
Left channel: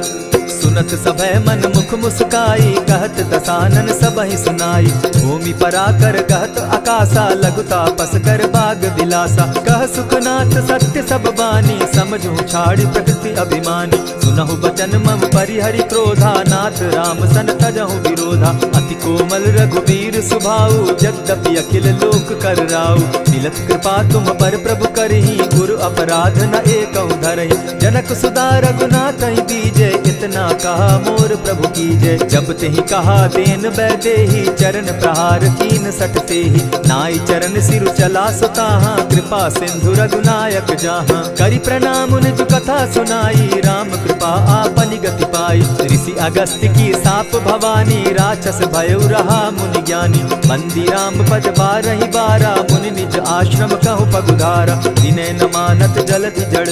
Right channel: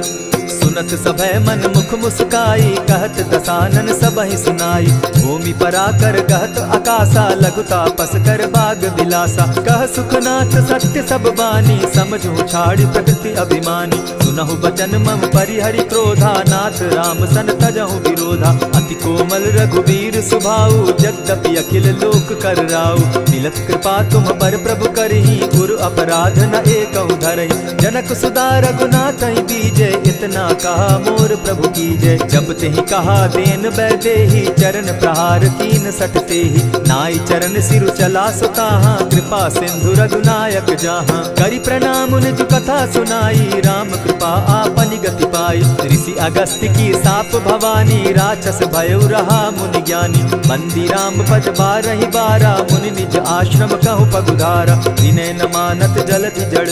सुनत सभय मन मुख मुस्काई, कहत दसानन सबहि सुनाई। भूमि पराकर कहत आकाशा, लघु तापस कर बाग बिलासा। कह सुखनाथ सत्य सब बानी, समझू छाड़ प्रकृति अभिमानी। सुनहु बचन मम परिहरि क्रोधा, नाथ राम सन तजहु विरोधा। अति कोमल रघुबीर सुभाऊ, यद्यपि अखिल लोक कर राऊ। मिलत कृपा तुम पर प्रभु करही, गुरु अपराध न एकहु धरहि। जनक सुदा रघुनाथ दीजे, इतना कहा मोर प्रभु की जय। जब तेहि कहा देन बैदेही, चरण प्रहार कीन सटते ही। नाई चरण सिरु चला सुताहा, कृपा सिंधु रघुनायक जाहा। करि प्रणाम निज कथा सुनाई, राम कृपा आपनि गति पाई। ऋषि अगस्त्य की साप भवानी, राक्षस भयउ रहा मुनि ज्ञानी। बंदी राम पद बारहि बारा, मुनि निज आश्रम कहु पगुधारा। विनय न मानत जलधि जड़,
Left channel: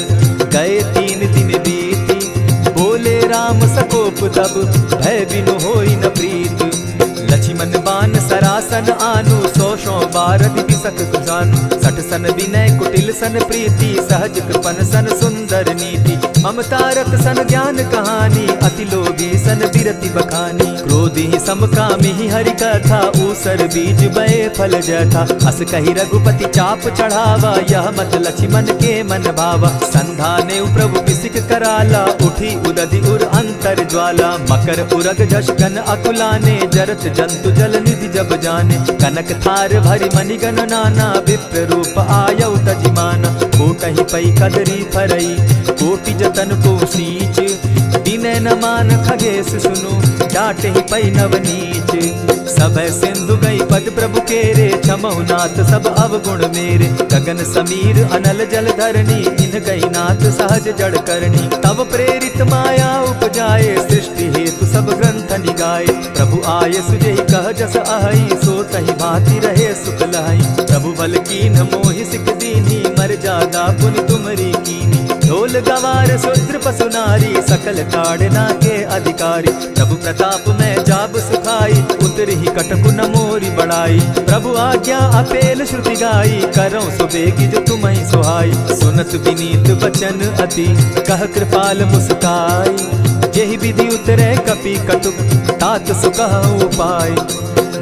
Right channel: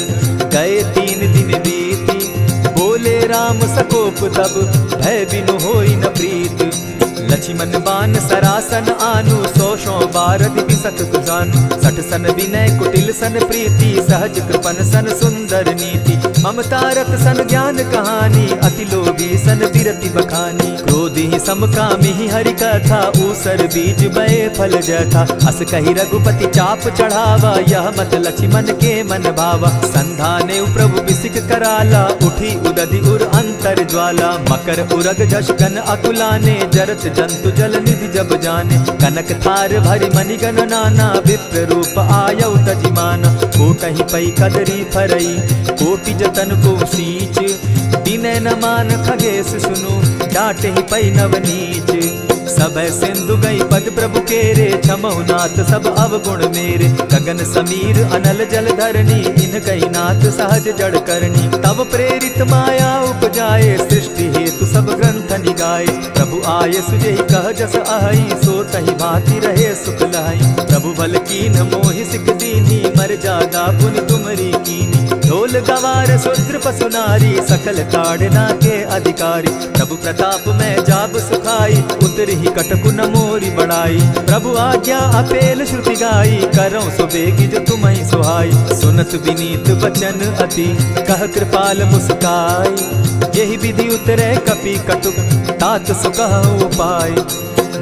गए 3 दिन बीती। बोले राम सकोप तब, भय बिनु होई न प्रीत। लक्ष्मण बान सरासन आनु, 100 बार दिपिसक कुजानु। 60 सन विनय कुटिल सन प्रीति, सहज कृपन सन सुंदर नीति। ममता रत सन ज्ञान कहानी, अति लोभी सन बिरति बखानी। क्रोधी समकामी हरि कथा, ऊसर बीज बय फल जथा। अस कहि रघुपति चाप चढ़ावा, यह मत लक्ष्मण के मन भावा। संधाने प्रभु बिसिक कराला, उठी उदधि उर अंतर ज्वाला। मकर उरग झष गन अकुलाने, जरत जंतु जल निधि जब जाने। कनक थार भरि मणिगण नाना, विप्र रूप आयउ तजिमाना। कोटहि पै कदरी फरई, कोटि जतन को सींच। विनय न मान खगेश सुनु, डांटहि पै नवनीच। सभय सिंधु गई पद प्रभु केरे, क्षमहु नाथ सब अवगुण मेरे। गगन समीर अनल जल धरनी, इन कही नाथ सहज जड़ करनी। तब प्रेरित माया उपजाए, सृष्टि हेतु सब ग्रंथ निगाए। प्रभु आय सुजेहि कह जस अहई, सो तहि भांति रहे सुख लहई। प्रभु बल कीन मोहि सिख दीनी, मर जादा पुनि तुमरी कीनी। ढोल गवार शूद्र पशु नारी, सकल ताड़ना के अधिकारी। प्रभु प्रताप में जाब सुखाई, उतरहि कटकु न मोरी बड़ाई। प्रभु आज्ञा अपेल श्रुति गाई, करऊं सुबेगी जो तुम्हि सुहाई। सुनत विनीत बचन अति, कह कृपाल मुस्काई। जेहि विधि उतरे कपि कटुक, तात सुकहु उपाय।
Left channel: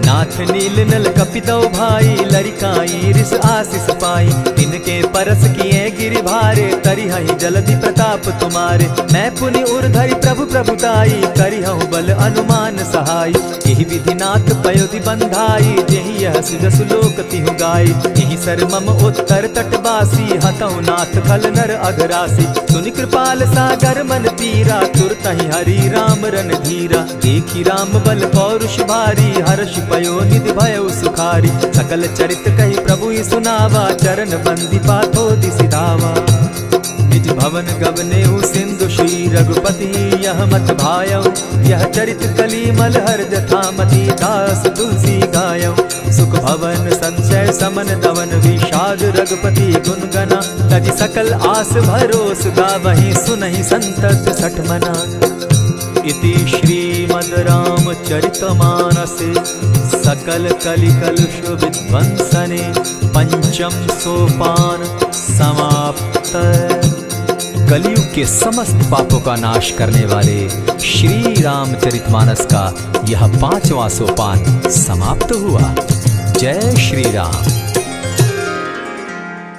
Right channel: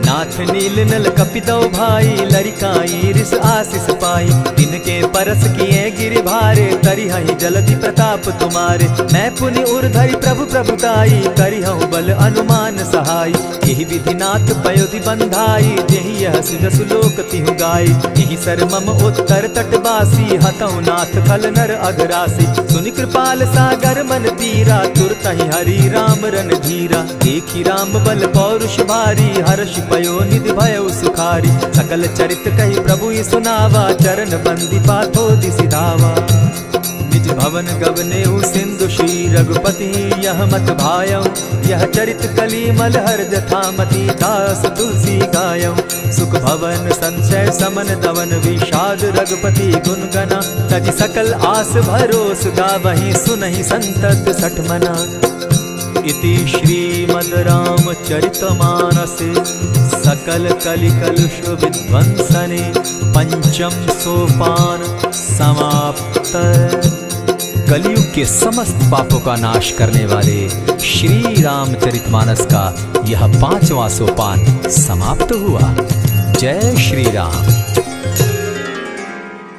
नाथ नील नल कपितौ भाई, लरिकाई रिस आशीष पाई। तिनके परस किए गिरि भारे, तरिहहि जलधि प्रताप तुम्हारे। मैं पुनि उर्धरि प्रभु प्रभुताई, करिहु बल अनुमान सहाय। यही विधि नाथ पयोधि बंधाई, जेहि यह सुजसु लोक तिहु गाई। यही सर मम उत्तर तटवासी, हतौ नाथ खल नर अघरासी। सुनि कृपाल सागर मन तीरा, तुरतहि हरि राम रन धीरा। देखी राम बल पौरुष भारी, हर्ष पयो निधि भयउ सुखारी। सकल चरित कही प्रभु सुनावा, चरण बंदी पाथो दिसि धावा। निज भवन गवनेउ सिंधु श्री रघुपति, यह मत भायउ। यह चरित कली मलहर जथामति, दास तुलसी गायउ। सुख भवन संशय समन दवन, विषाद रघुपति गुण गना। तजि सकल आस भरोस, गावहि सुनहि संतत सठ मना। इति श्रीमद् रामचरितमानसे, सकल कलिकलुष विध्वंसने। पंचम सोपान समाप्त। कलयुग के समस्त पापों का नाश करने वाले श्री रामचरितमानस का यह 5वां सोपान समाप्त हुआ। जय श्री राम।